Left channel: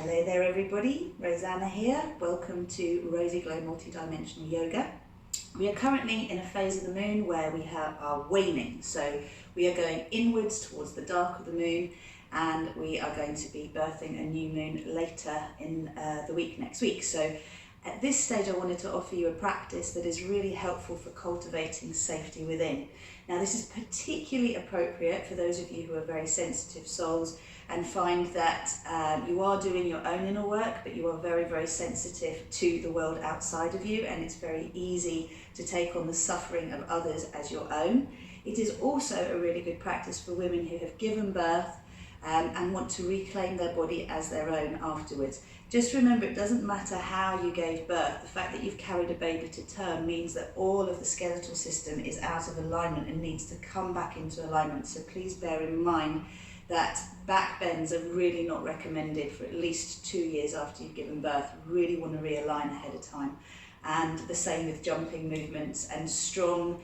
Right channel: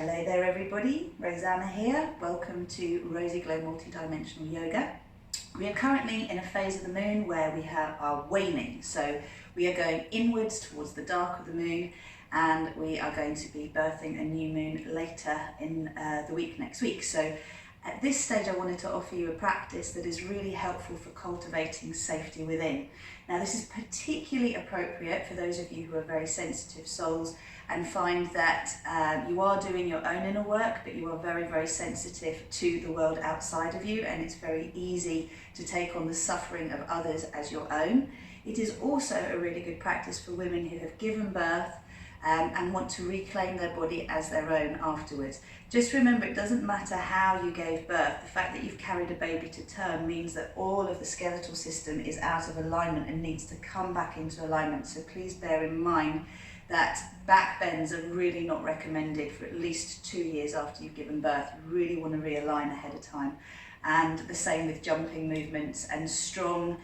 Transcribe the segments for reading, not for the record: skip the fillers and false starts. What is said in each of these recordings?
Hello there everybody, Rosanna here. Welcome to RozyGlow Multidimensional Yoga. We are currently in a phase of the moon where we are waning. So we are going inwards towards the dark of the moon, and we are going to be birthing a new moon later in the week next week. So at this stage I wanted to offer you a practice that is really helpful for cultivating safety within. Now this is particularly appropriate for those of you who are very sensitive souls and find that you are doing your own inner work, but you are very, very sensitive to the world outside of you, and it's very easy to take on the suffering of others as your own. It is also a really good practice for women who have given birth and want to reclaim their body as their own afterwards. Just remember, it doesn't matter how you gave birth. The fact that you've carried a baby to term means that all of the skeletal system is out of alignment and needs to come back into alignment. So please bear in mind that back bends are really not recommended for at least 2 years after you've given birth. You really want to realign ahead of time. And the same with jumping movements and strong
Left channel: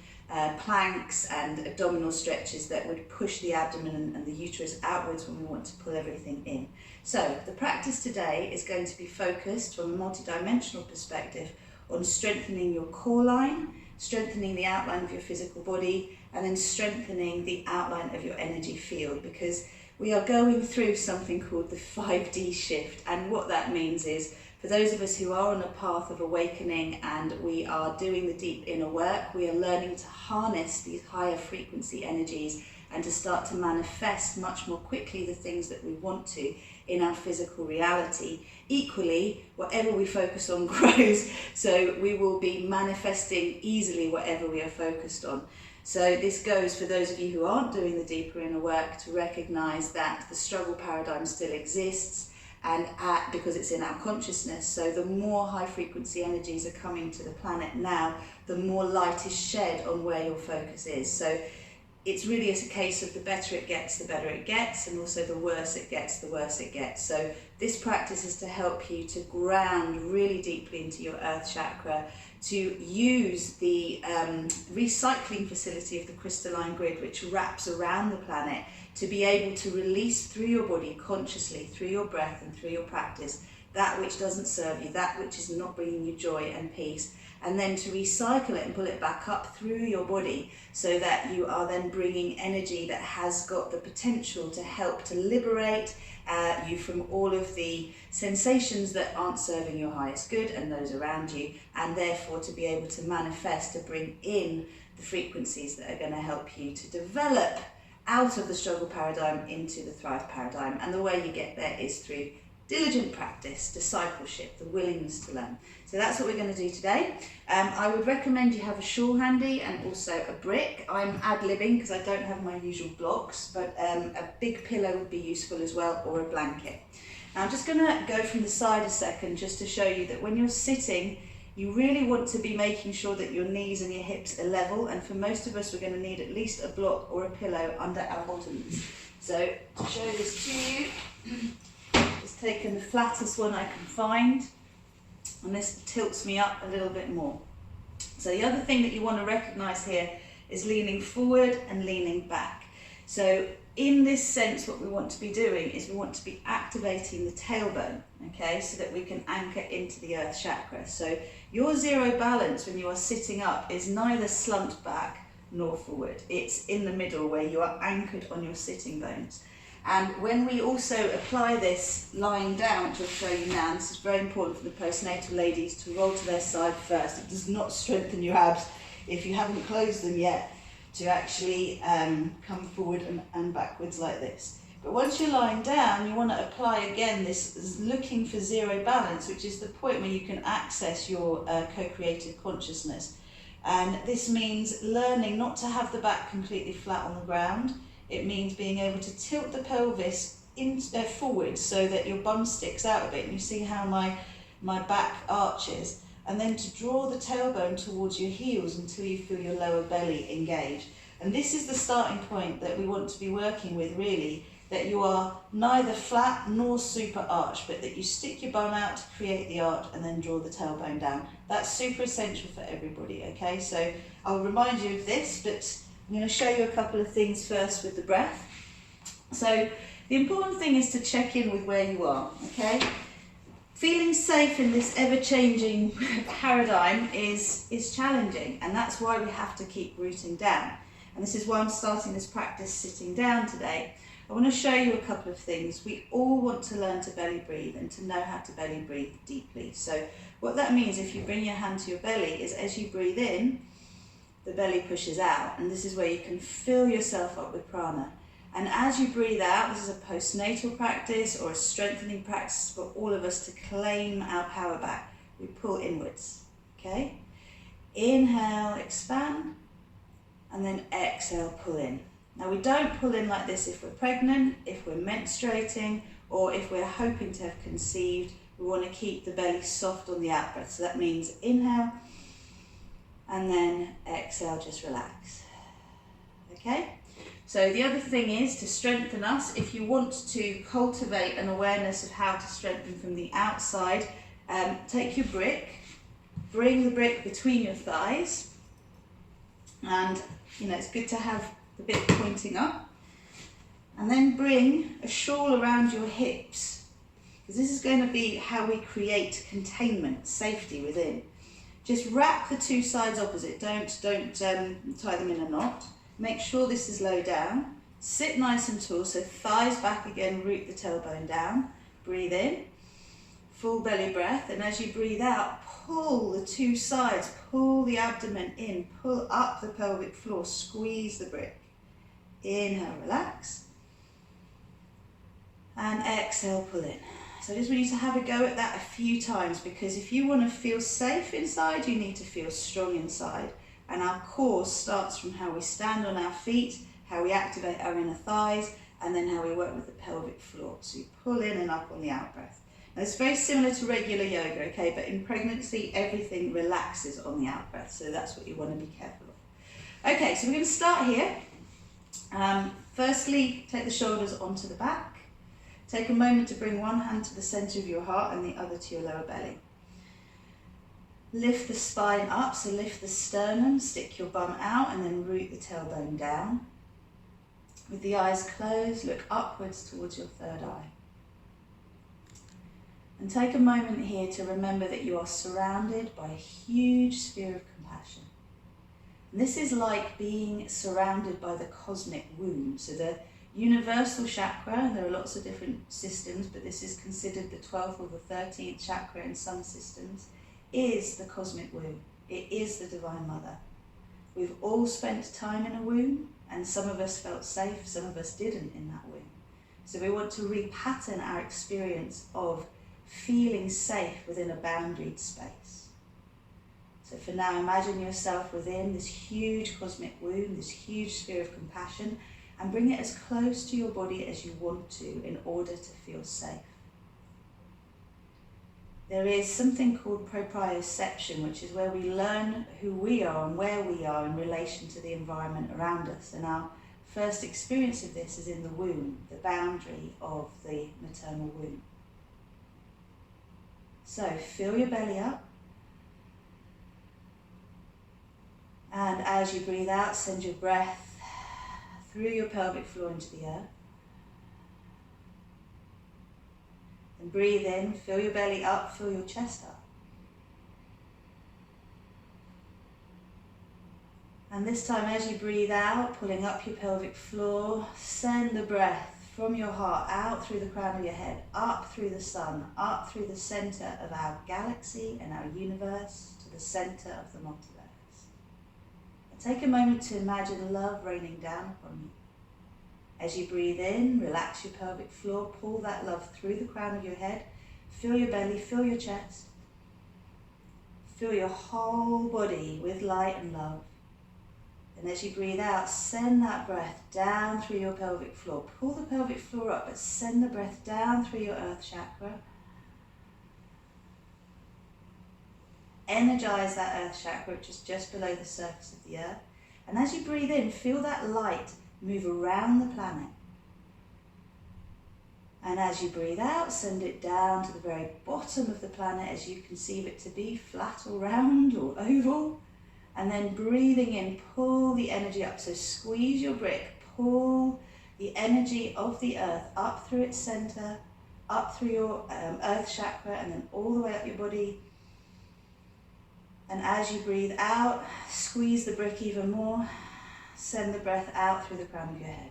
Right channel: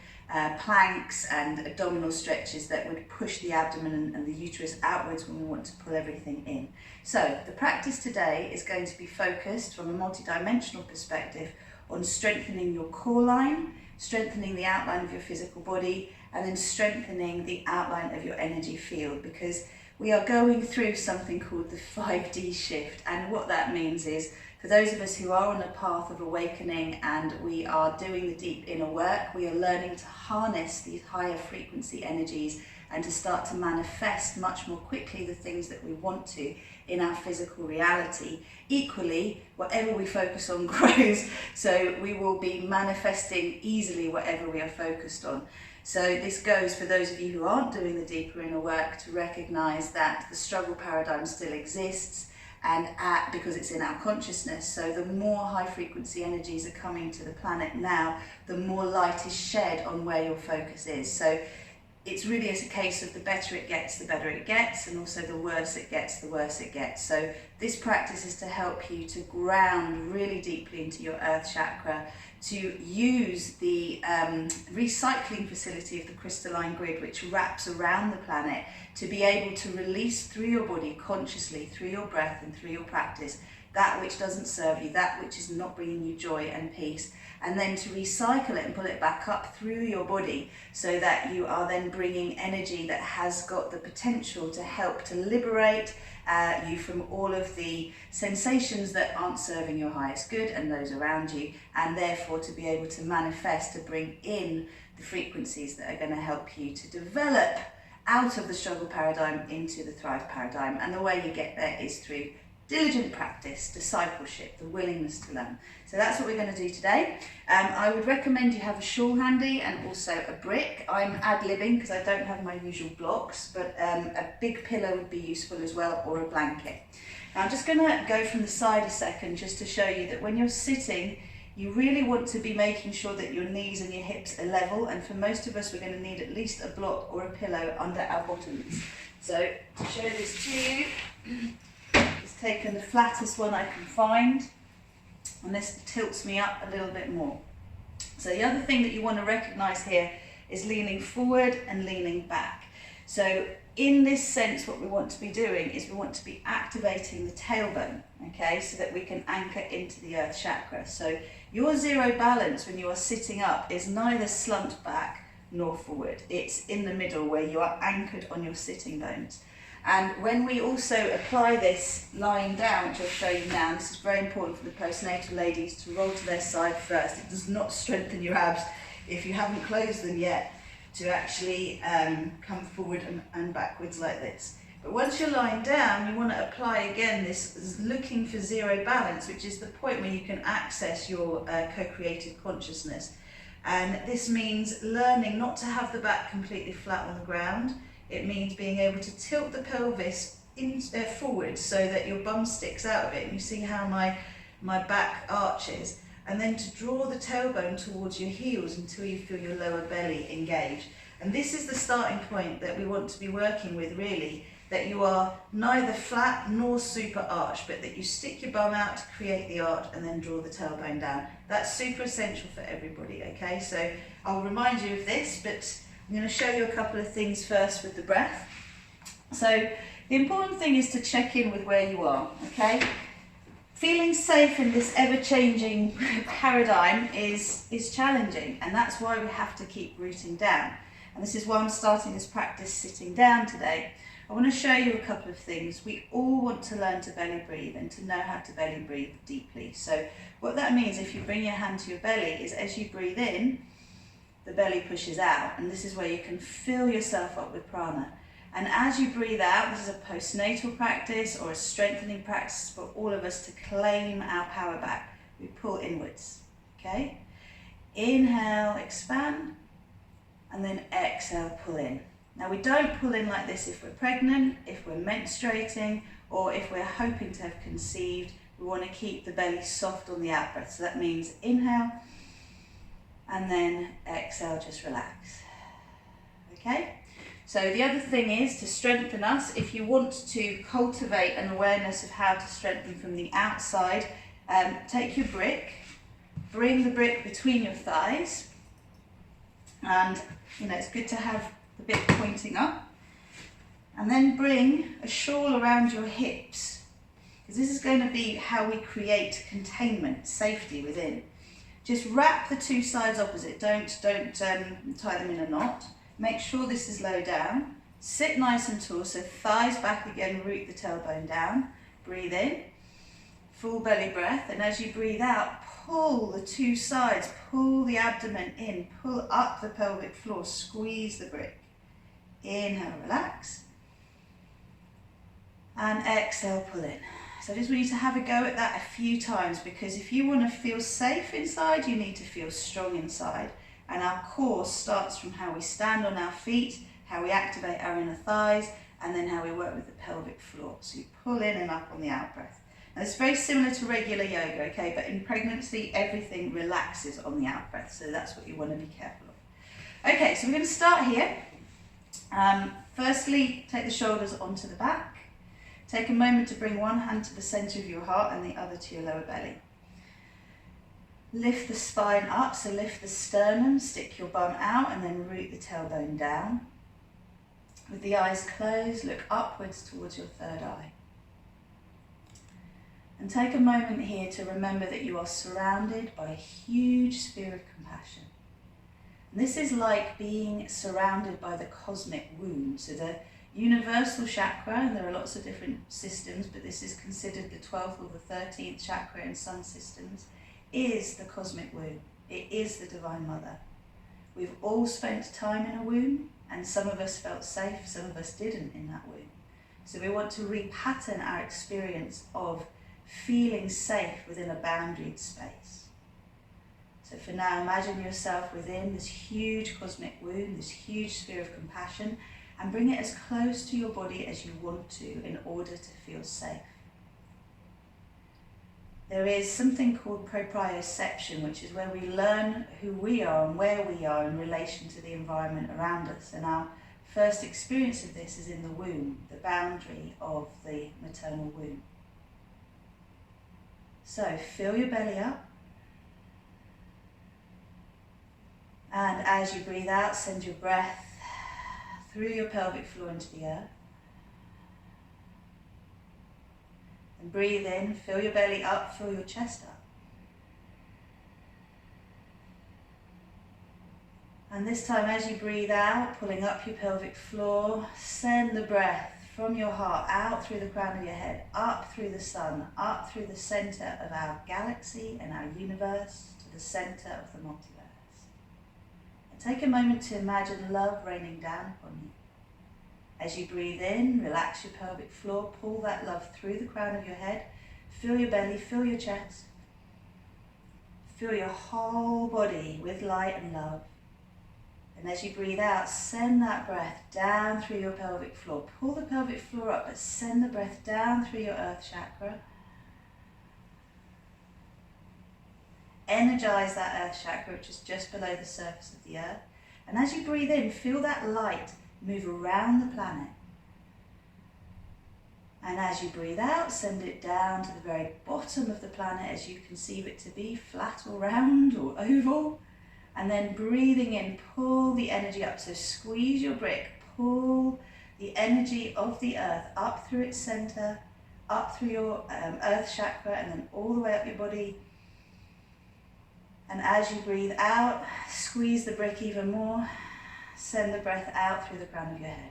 planks and abdominal stretches that would push the abdomen and the uterus outwards when we want to pull everything in. So the practice today is going to be focused from a multidimensional perspective on strengthening your core line, strengthening the outline of your physical body, and then strengthening the outline of your energy field, because we are going through something called the 5D shift. And what that means is, for those of us who are on a path of awakening and we are doing the deep inner work, we are learning to harness these higher frequency energies and to start to manifest much more quickly the things that we want to in our physical reality. Equally, whatever we focus on grows, so we will be manifesting easily whatever we are focused on. So this goes for those of you who aren't doing the deeper inner work to recognize that the struggle paradigm still exists, and because it's in our consciousness. So the more high frequency energies are coming to the planet now, the more light is shed on where your focus is. So it's really a case of the better it gets, the better it gets, and also the worse it gets, the worse it gets. So this practice is to help you to ground really deeply into your earth chakra, to use the recycling facility of the crystalline grid, which wraps around the planet, to be able to release through your body consciously, through your breath and through your practice, that which doesn't serve you, that which is not bringing you joy and peace, and then to recycle it and pull it back up through your body, so that you are then bringing energy that has got the potential to help to liberate you from all of the sensations that aren't serving your highest good and those around you, and therefore to be able to manifest, to bring in the frequencies that are going to help you to develop out of the struggle paradigm into the thrive paradigm. And the way you get there is through diligent practice, discipleship, the willingness to learn. So that's what we're going to do today. I would recommend you have a shawl handy and also a brick. I'm ad-libbing because I don't have my usual blocks, but a big pillow would be useful as well, or a blanket. Now I'm just going to go from the side a second just to show you that when you're sitting, you really want to be making sure that your knees and your hips are level, and for most of us we're going to need at least a block or a pillow under our bottoms. So to show this to you, just taken the flattest one I can find, and this tilts me up a little bit more. So the other thing that you want to recognize here is leaning forward and leaning back. So in this sense, what we want to be doing is we want to be activating the tailbone, okay, so that we can anchor into the earth chakra. So your zero balance when you are sitting up is neither slumped back nor forward. It's in the middle where you are anchored on your sitting bones. And when we also apply this lying down, which I'll show you now, this is very important for the postnatal ladies to roll to their side first. It does not strengthen your abs if you haven't closed them yet, to actually come forward and backwards like this. But once you're lying down, you want to apply again this looking for zero balance, which is the point where you can access your co-creative consciousness. And this means learning not to have the back completely flat on the ground. It means being able to tilt the pelvis forward so that your bum sticks out a bit, and you see how my back arches, and then to draw the tailbone towards your heels until you feel your lower belly engage. And this is the starting point that we want to be working with, really, that you are neither flat nor super arched, but that you stick your bum out to create the arch and then draw the tailbone down. That's super essential for everybody, okay? So I'll remind you of this, but I'm going to show you a couple of things first with the breath. So The important thing is to check in with where you are, okay? Feeling safe in this ever-changing paradigm is challenging, and that's why we have to keep rooting down. And this is why I'm starting this practice sitting down today. I want to show you a couple of things. We all want to learn to belly breathe and to know how to belly breathe deeply. So what that means, if you bring your hand to your belly, is as you breathe in, the belly pushes out, and this is where you can fill yourself up with prana. And as you breathe out, this is a postnatal practice or a strengthening practice for all of us to claim our power back. We pull inwards, okay? Inhale, expand, and then exhale, pull in. Now we don't pull in like this if we're pregnant, if we're menstruating, or if we're hoping to have conceived. We want to keep the belly soft on the out breath. So that means inhale, and then exhale, just relax, okay? So the other thing is to strengthen us. If you want to cultivate an awareness of how to strengthen from the outside, take your brick, bring the brick between your thighs, and it's good to have the bit pointing up, and then bring a shawl around your hips, because this is going to be how we create containment, safety within. Just wrap the two sides opposite, don't tie them in a knot. Make sure this is low down, sit nice and tall, so thighs back again, root the tailbone down, breathe in, full belly breath, and as you breathe out, pull the two sides, pull the abdomen in, pull up the pelvic floor, squeeze the brick. Inhale, relax, and exhale, pull in. So I just want you to have a go at that a few times, because if you want to feel safe inside, you need to feel strong inside. And our core starts from how we stand on our feet, how we activate our inner thighs, and then how we work with the pelvic floor. So you pull in and up on the out breath. Now it's very similar to regular yoga, okay? But in pregnancy, everything relaxes on the out breath. So that's what you want to be careful of. Okay, so we're going to start here. Firstly, take the shoulders onto the back. Take a moment to bring one hand to the center of your heart and the other to your lower belly. Lift the spine up, so lift the sternum, stick your bum out, and then root the tailbone down. With the eyes closed, look upwards towards your third eye. And take a moment here to remember that you are surrounded by a huge sphere of compassion. And this is like being surrounded by the cosmic womb. So the universal chakra, and there are lots of different systems, but this is considered the 12th or the 13th chakra in some systems, is the cosmic womb. It is the Divine Mother. We've all spent time in a womb, and some of us felt safe, some of us didn't in that womb. So we want to repattern our experience of feeling safe within a boundaried space. So for now, imagine yourself within this huge cosmic womb, this huge sphere of compassion, and bring it as close to your body as you want to in order to feel safe. There is something called proprioception, which is where we learn who we are and where we are in relation to the environment around us. And our first experience of this is in the womb, the boundary of the maternal womb. So fill your belly up. And as you breathe out, send your breath through your pelvic floor into the earth. And breathe in, fill your belly up, fill your chest up. And this time as you breathe out, pulling up your pelvic floor, send the breath from your heart out through the crown of your head, up through the sun, up through the center of our galaxy and our universe to the center of the multiverse. And take a moment to imagine love raining down upon you. As you breathe in, relax your pelvic floor, pull that love through the crown of your head, fill your belly, fill your chest, fill your whole body with light and love. And as you breathe out, send that breath down through your pelvic floor. Pull the pelvic floor up, but send the breath down through your earth chakra. Energize that earth chakra, which is just below the surface of the earth. And as you breathe in, feel that light move around the planet. And as you breathe out, send it down to the very bottom of the planet as you conceive it to be, flat or round or oval. And then breathing in, pull the energy up. So squeeze your brick, pull the energy of the earth up through its center, up through your earth chakra, and then all the way up your body. And as you breathe out, squeeze the brick even more. Send the breath out through the crown of your head.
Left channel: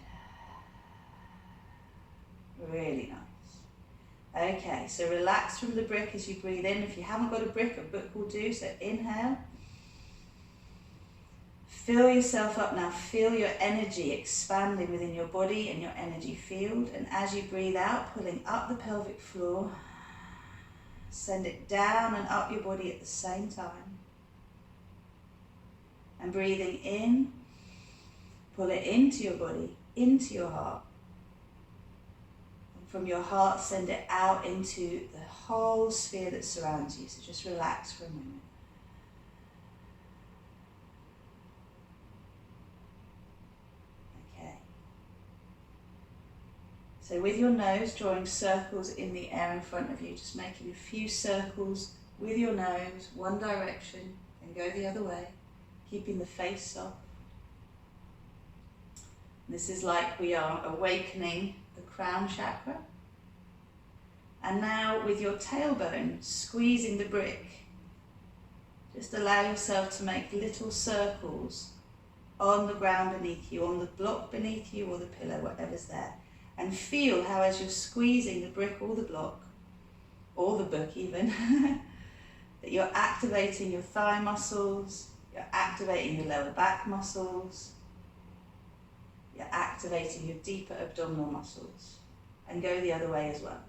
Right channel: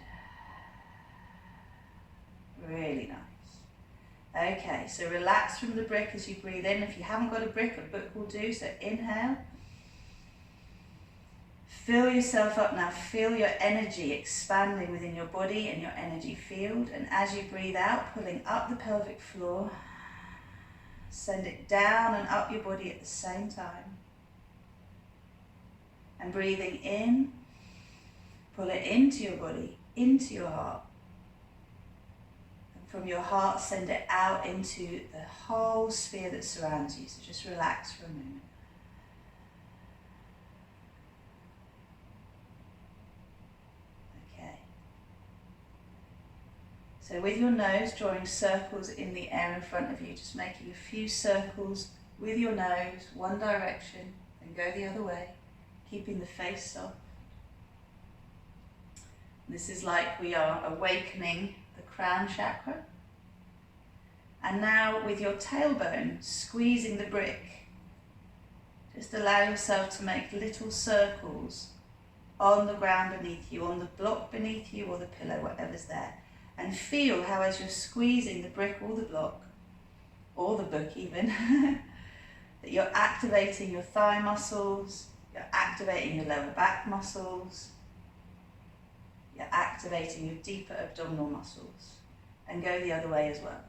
Really nice. Okay, so relax from the brick as you breathe in. If you haven't got a brick, a book will do. So inhale. Fill yourself up now. Feel your energy expanding within your body and your energy field. And as you breathe out, pulling up the pelvic floor, send it down and up your body at the same time. And breathing in, pull it into your body, into your heart. And from your heart, send it out into the whole sphere that surrounds you. So just relax for a moment. Okay. So with your nose, drawing circles in the air in front of you, just making a few circles with your nose, one direction, and go the other way, keeping the face soft. This is like we are awakening the crown chakra. And now with your tailbone, squeezing the brick, just allow yourself to make little circles on the ground beneath you, on the block beneath you or the pillow, whatever's there. And feel how as you're squeezing the brick or the block, or the book even, that you're activating your thigh muscles, you're activating your lower back muscles, you're activating your deeper abdominal muscles, and go the other way as well.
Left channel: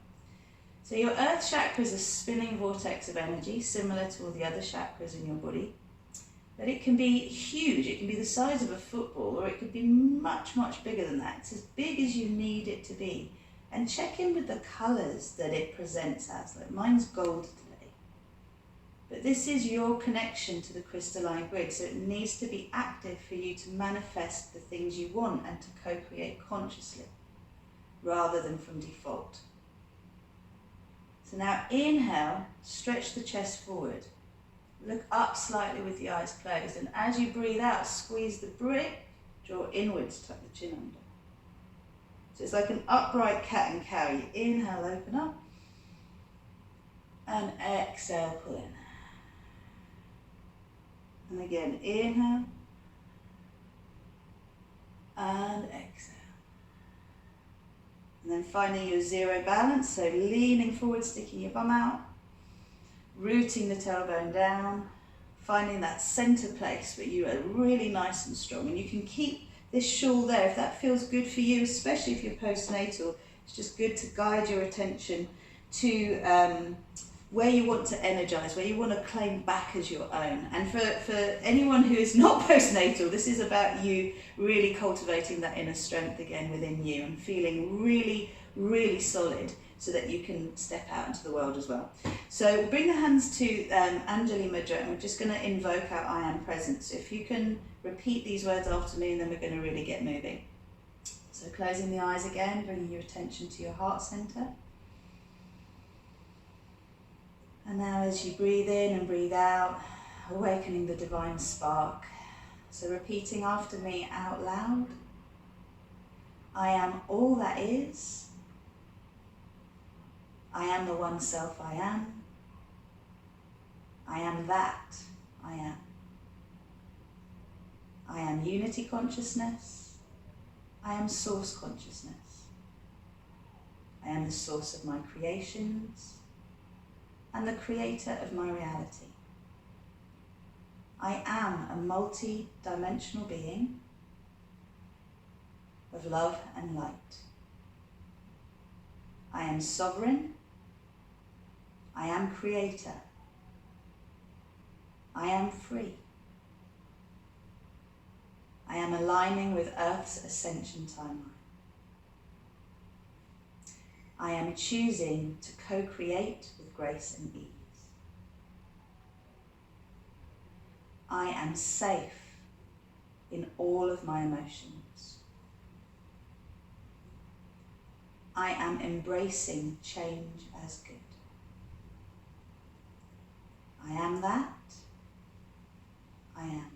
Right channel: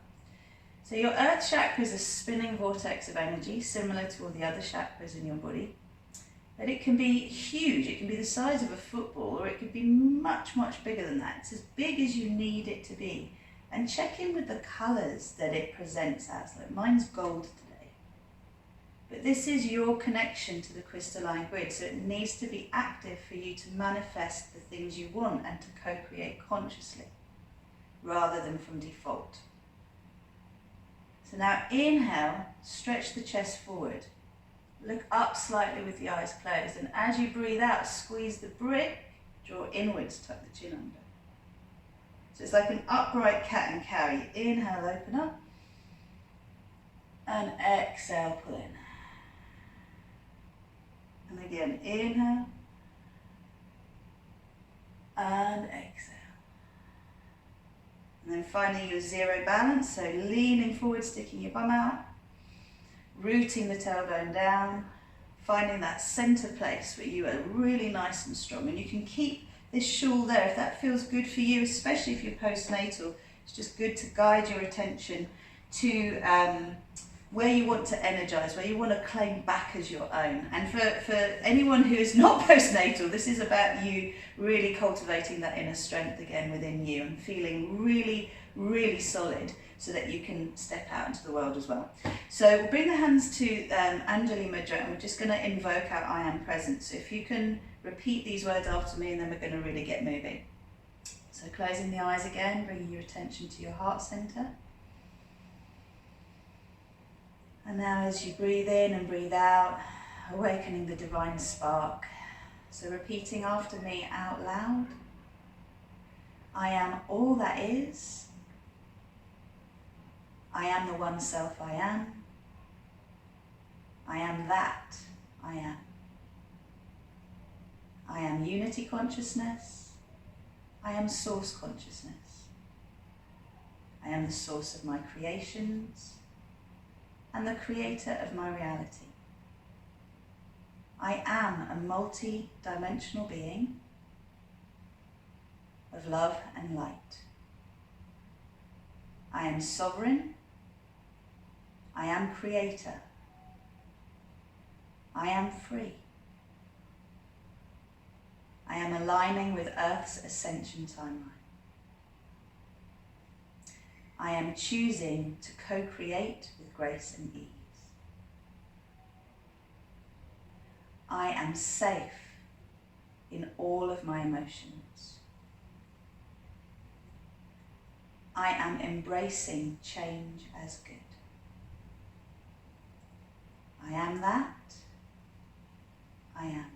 So your earth chakra is a spinning vortex of energy, similar to all the other chakras in your body, but it can be huge. It can be the size of a football, or it could be much, much bigger than that. It's as big as you need it to be. And check in with the colors that it presents as. Like mine's gold today. But this is your connection to the crystalline grid, so it needs to be active for you to manifest the things you want and to co-create consciously, rather than from default. So now inhale, stretch the chest forward. Look up slightly with the eyes closed, and as you breathe out, squeeze the brick, draw inwards, tuck the chin under. So it's like an upright cat and cow. You inhale, open up, and exhale, pull in. And again, inhale, and exhale. And then finding your zero balance, so leaning forward, sticking your bum out, rooting the tailbone down, finding that center place where you are really nice and strong. And you can keep this shawl there if that feels good for you, especially if you're postnatal. It's just good to guide your attention to where you want to energize, where you want to claim back as your own. And for anyone who is not postnatal, this is about you really cultivating that inner strength again within you and feeling really, really solid, so that you can step out into the world as well. So we'll bring the hands to Anjali Mudra, and we're just going to invoke our I am present. So if you can repeat these words after me, and then we're going to really get moving. So closing the eyes again, bringing your attention to your heart center. And now as you breathe in and breathe out, awakening the divine spark. So repeating after me out loud. I am all that is. I am the one self I am. I am that I am. I am unity consciousness. I am source consciousness. I am the source of my creations and the creator of my reality. I am a multi-dimensional being of love and light. I am sovereign. I am creator. I am free. I am aligning with Earth's ascension timeline. I am choosing to co-create with grace and ease. I am safe in all of my emotions. I am embracing change as good. I am that. I am.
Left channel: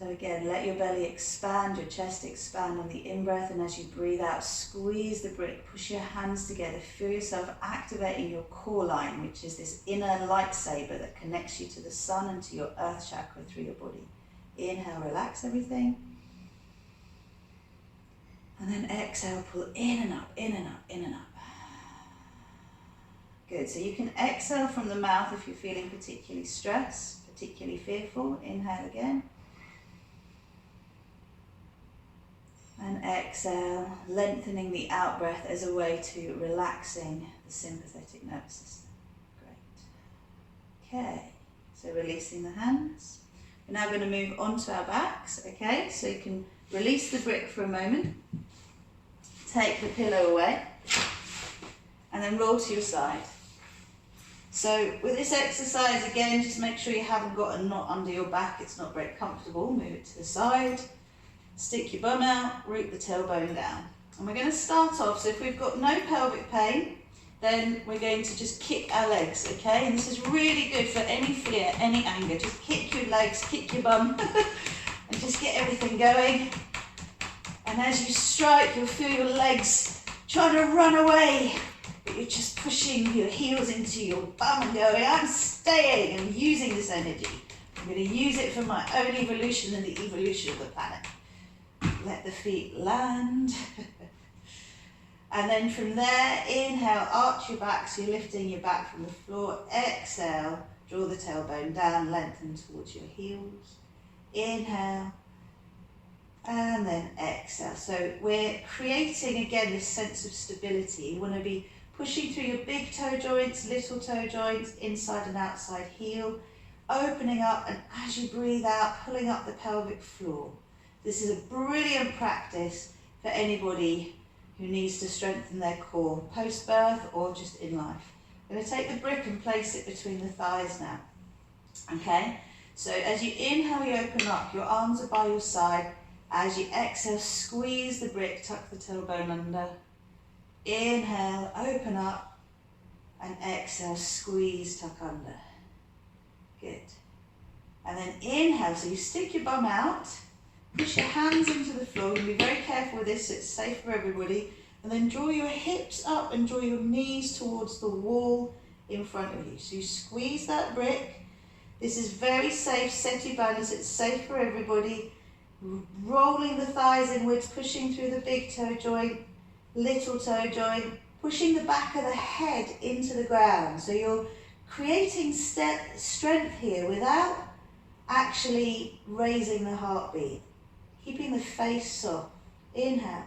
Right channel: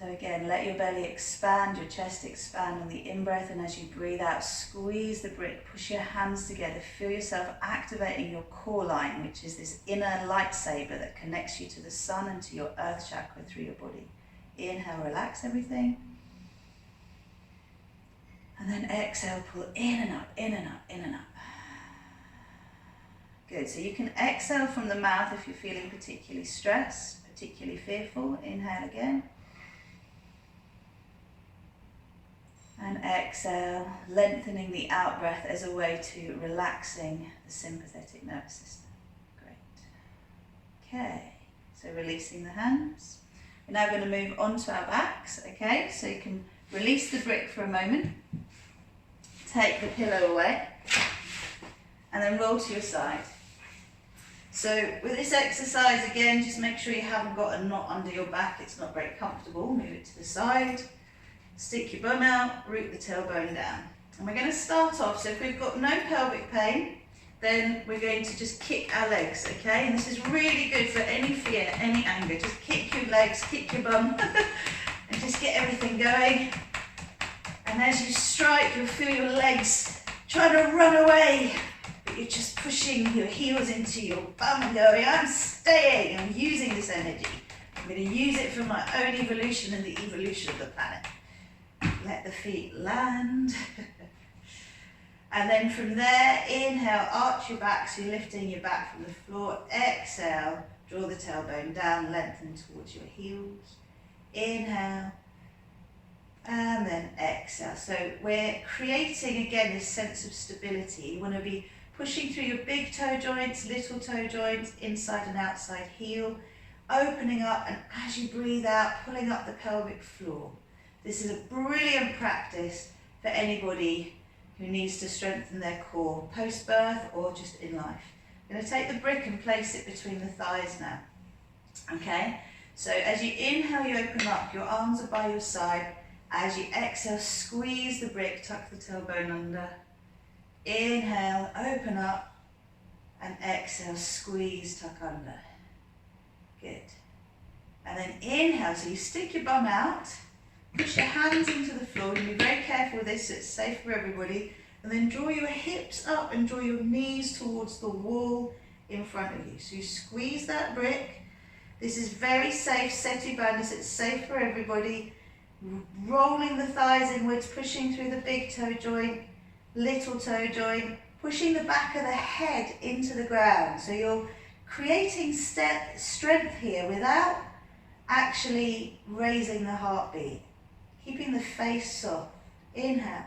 So again, let your belly expand, your chest expand on the in-breath, and as you breathe out, squeeze the brick, push your hands together, feel yourself activating your core line, which is this inner lightsaber that connects you to the sun and to your earth chakra through your body. Inhale, relax everything. And then exhale, pull in and up, in and up, in and up. Good, so you can exhale from the mouth if you're feeling particularly stressed, particularly fearful. Inhale again. And exhale, lengthening the out breath as a way to relaxing the sympathetic nervous system. Great. Okay, so releasing the hands. We're now going to move onto our backs, okay? So you can release the brick for a moment. Take the pillow away. And then roll to your side. So with this exercise, again, just make sure you haven't got a knot under your back. It's not very comfortable. Move it to the side. Stick your bum out, root the tailbone down. And we're going to start off, so if we've got no pelvic pain, then we're going to just kick our legs, okay? And this is really good for any fear, any anger. Just kick your legs, kick your bum, and just get everything going. And as you strike, you'll feel your legs trying to run away, but you're just pushing your heels into your bum and going, I'm staying, I'm using this energy. I'm going to use it for my own evolution and the evolution of the planet. Let the feet land. And then from there, inhale, arch your back, so you're lifting your back from the floor. Exhale, draw the tailbone down, lengthen towards your heels. Inhale, and then exhale. So we're creating, again, this sense of stability. You want to be pushing through your big toe joints, little toe joints, inside and outside heel, opening up, and as you breathe out, pulling up the pelvic floor. This is a brilliant practice for anybody who needs to strengthen their core, post-birth or just in life. I'm going to take the brick and place it between the thighs now. Okay? So as you inhale, you open up, your arms are by your side. As you exhale, squeeze the brick, tuck the tailbone under. Inhale, open up, and exhale, squeeze, tuck under. Good. And then inhale, so you stick your bum out, push your hands into the floor. You'll be very careful with this so it's safe for everybody. And then draw your hips up and draw your knees towards the wall in front of you. So you squeeze that brick. This is very safe, seti bandhas, it's safe for everybody. Rolling the thighs inwards, pushing through the big toe joint, little toe joint, pushing the back of the head into the ground. So you're creating strength here without actually raising the heartbeat. Keeping the face soft. Inhale.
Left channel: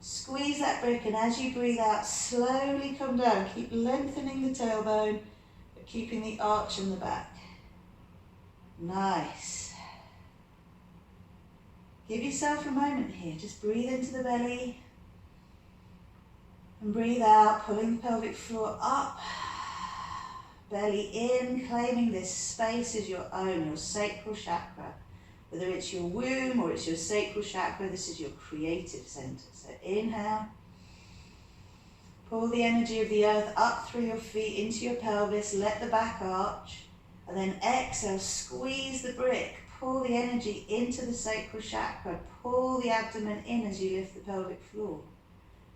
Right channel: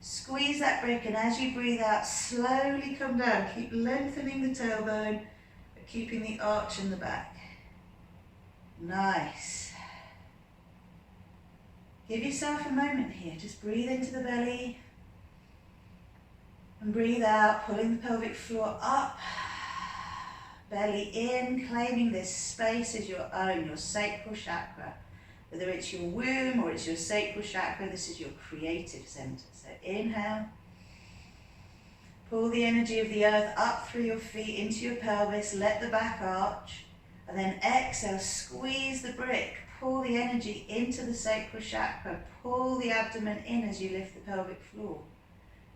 Squeeze that brick, and as you breathe out, slowly come down. Keep lengthening the tailbone, but keeping the arch in the back. Nice. Give yourself a moment here. Just breathe into the belly. And breathe out, pulling the pelvic floor up. Belly in, claiming this space as your own, your sacral chakra. Whether it's your womb or it's your sacral chakra, this is your creative center. So inhale, pull the energy of the earth up through your feet into your pelvis, let the back arch, and then exhale, squeeze the brick, pull the energy into the sacral chakra, pull the abdomen in as you lift the pelvic floor.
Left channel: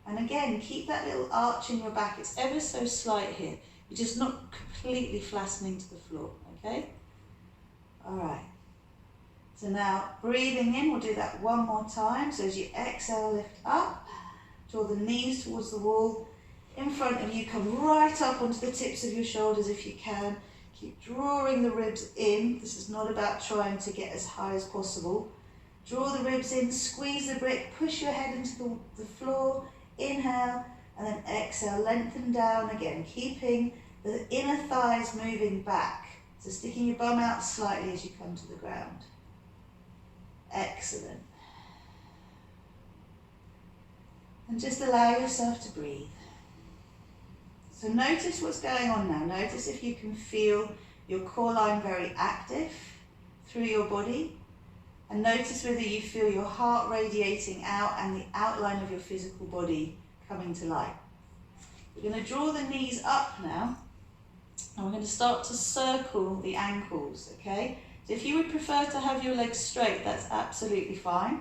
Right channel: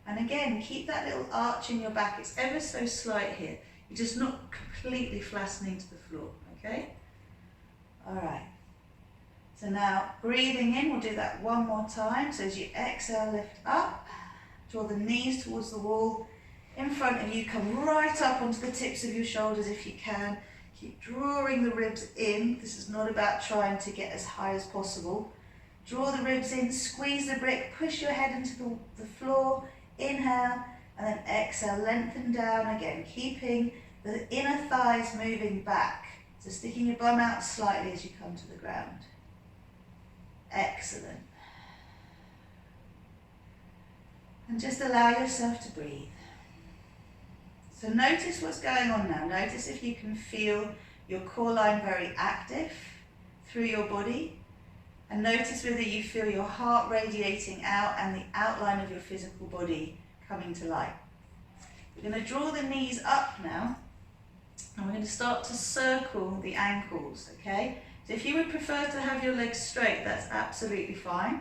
And again, keep that little arch in your back. It's ever so slight here. You're just not completely flattening to the floor, okay? All right. So now, breathing in, we'll do that one more time. So as you exhale, lift up, draw the knees towards the wall. In front of you, come right up onto the tips of your shoulders if you can. Keep drawing the ribs in. This is not about trying to get as high as possible. Draw the ribs in, squeeze the brick, push your head into the floor. Inhale, and then exhale, lengthen down again, keeping the inner thighs moving back. So sticking your bum out slightly as you come to the ground. Excellent. And just allow yourself to breathe. So notice what's going on now. Notice if you can feel your core line very active through your body. And notice whether you feel your heart radiating out and the outline of your physical body coming to light. We're going to draw the knees up now. And we're going to start to circle the ankles, okay? So if you would prefer to have your legs straight, that's absolutely fine.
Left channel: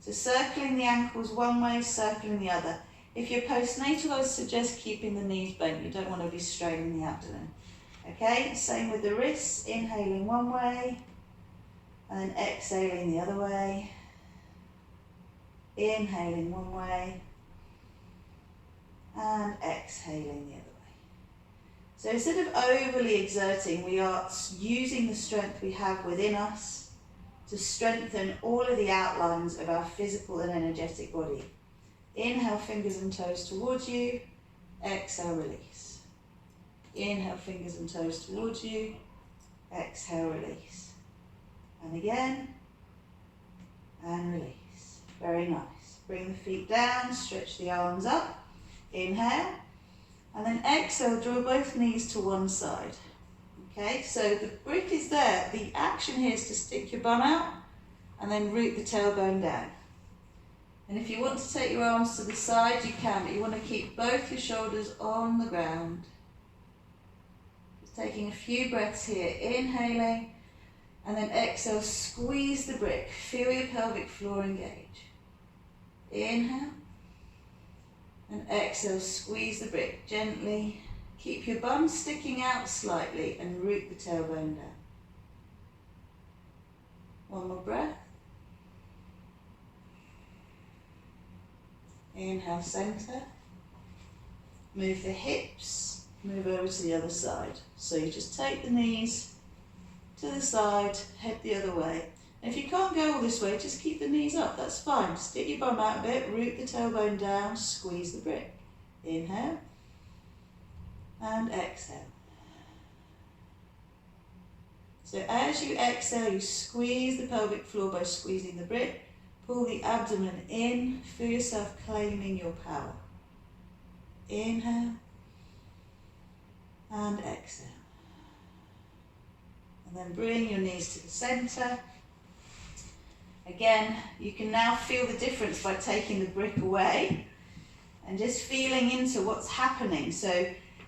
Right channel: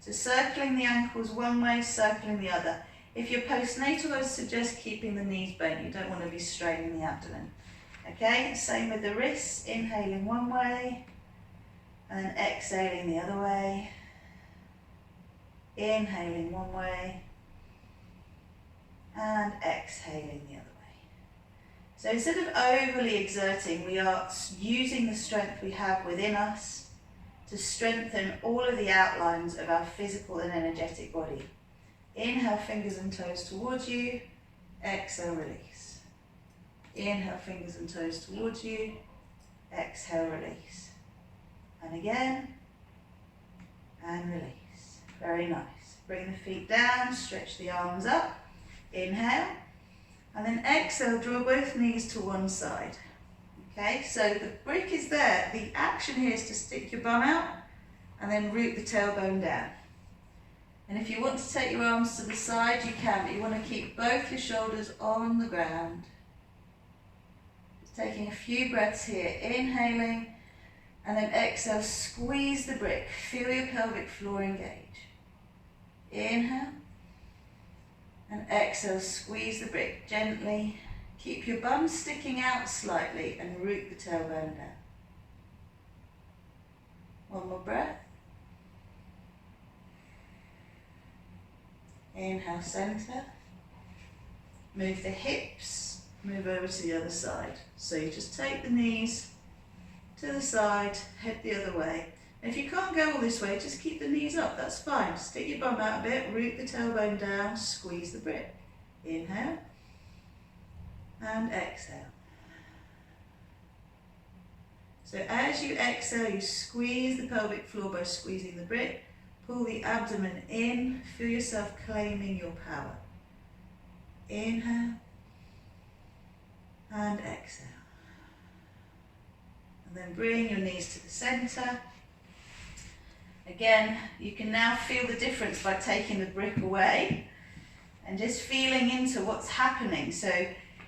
So circling the ankles one way, circling the other. If you're postnatal, I suggest keeping the knees bent. You don't want to be straining the abdomen. Okay, same with the wrists. Inhaling one way and exhaling the other way. Inhaling one way and exhaling the other way. So instead of overly exerting, we are using the strength we have within us to strengthen all of the outlines of our physical and energetic body. Inhale, fingers and toes towards you. Exhale, release. Inhale, fingers and toes towards you. Exhale, release. And again, and release. Very nice. Bring the feet down, stretch the arms up. Inhale. And then exhale, draw both knees to one side. Okay, so the brick is there. The action here is to stick your bum out and then root the tailbone down. And if you want to take your arms to the side, you can, but you want to keep both your shoulders on the ground. Just taking a few breaths here, inhaling, and then exhale, squeeze the brick. Feel your pelvic floor engage. Inhale. And exhale, squeeze the brick gently. Keep your bum sticking out slightly and root the tailbone down. One more breath. Inhale, center. Move the hips, move over to the other side. So you just take the knees to the side, head the other way. If you can't go all this way, just keep the knees up, that's fine. Stick your bum out a bit, root the tailbone down, squeeze the brick. Inhale and exhale. So as you exhale, you squeeze the pelvic floor by squeezing the brick. Pull the abdomen in, feel yourself claiming your power. Inhale and exhale. And then bring your knees to the center. Again, you can now feel the difference by taking the brick away and just feeling into what's happening. So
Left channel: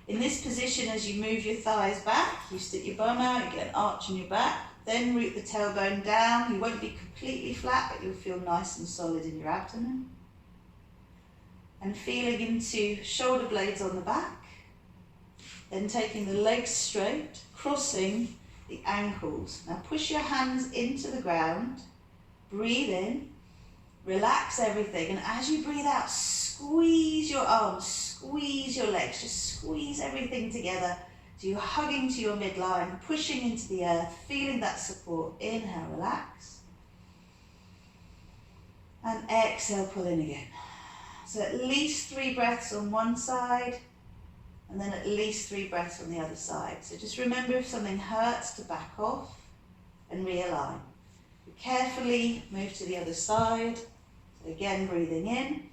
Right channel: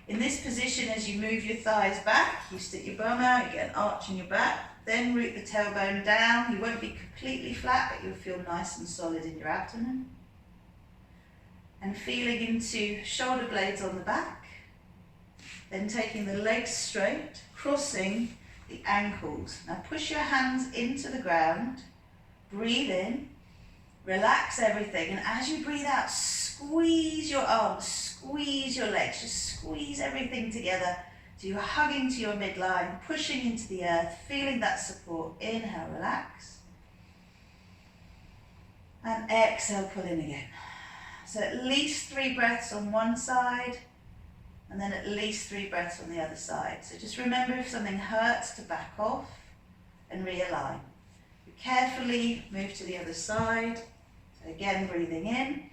in this position, as you move your thighs back, you stick your bum out, you get an arch in your back, then root the tailbone down. You won't be completely flat, but you'll feel nice and solid in your abdomen. And feeling into shoulder blades on the back, then taking the legs straight, crossing the ankles. Now push your hands into the ground. Breathe in, relax everything, and as you breathe out, squeeze your arms, squeeze your legs, just squeeze everything together. So you're hugging to your midline, pushing into the earth, feeling that support. Inhale, relax. And exhale, pull in again. So at least 3 breaths on one side, and then at least 3 breaths on the other side. So just remember, if something hurts, to back off and realign. Carefully move to the other side. So again, breathing in.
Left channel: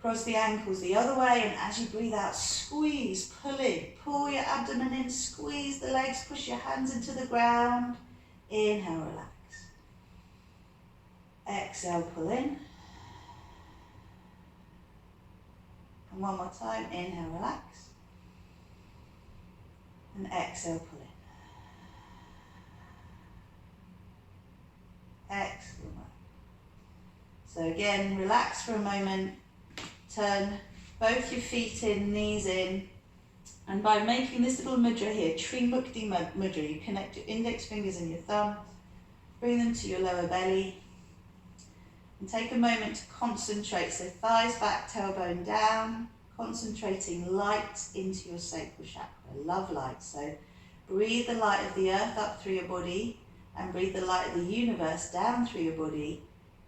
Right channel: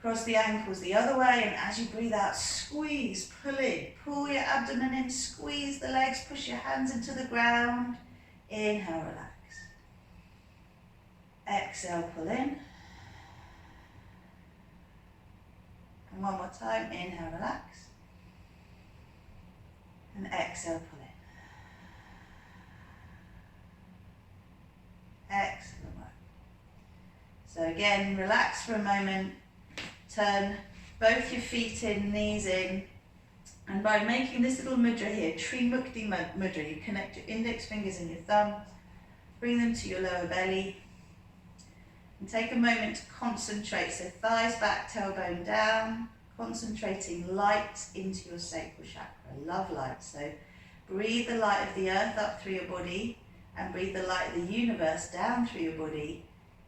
Cross the ankles the other way, and as you breathe out, squeeze, pull in. Pull your abdomen in, squeeze the legs, push your hands into the ground. Inhale, relax. Exhale, pull in. And one more time, inhale, relax. And exhale, pull in. Excellent work. So again, relax for a moment, turn both your feet in, knees in, and by making this little mudra here, Trimukti mudra, you connect your index fingers and your thumb, bring them to your lower belly, and take a moment to concentrate. So thighs back, tailbone down, concentrating light into your sacral chakra, love light. So breathe the light of the earth up through your body, and breathe the light of the universe down through your body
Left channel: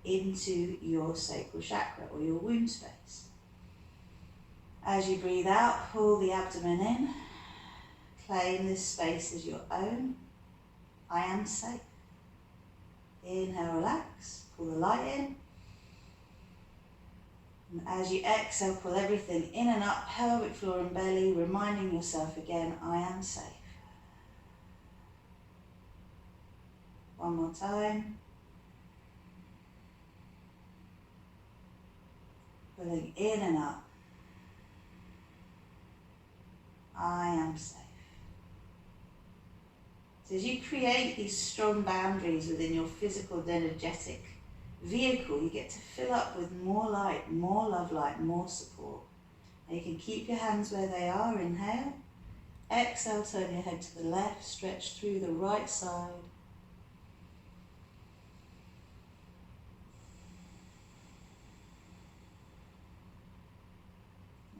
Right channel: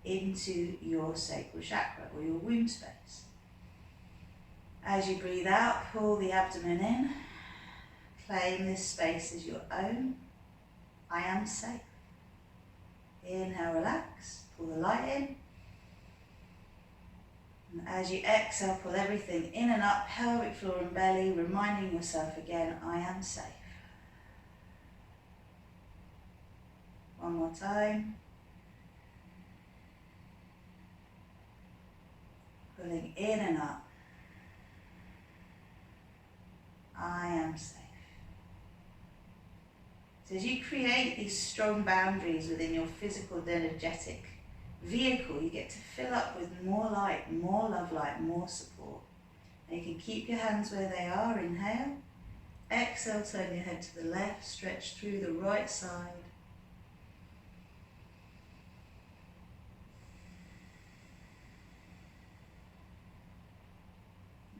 into your sacral chakra or your womb space. As you breathe out, pull the abdomen in. Claim this space as your own. I am safe. Inhale, relax. Pull the light in. And as you exhale, pull everything in and up, pelvic floor and belly, reminding yourself again, I am safe. One more time. Pulling in and up. I am safe. So as you create these strong boundaries within your physical and energetic vehicle, you get to fill up with more light, more love light, more support. And you can keep your hands where they are, inhale. Exhale, turn your head to the left, stretch through the right side.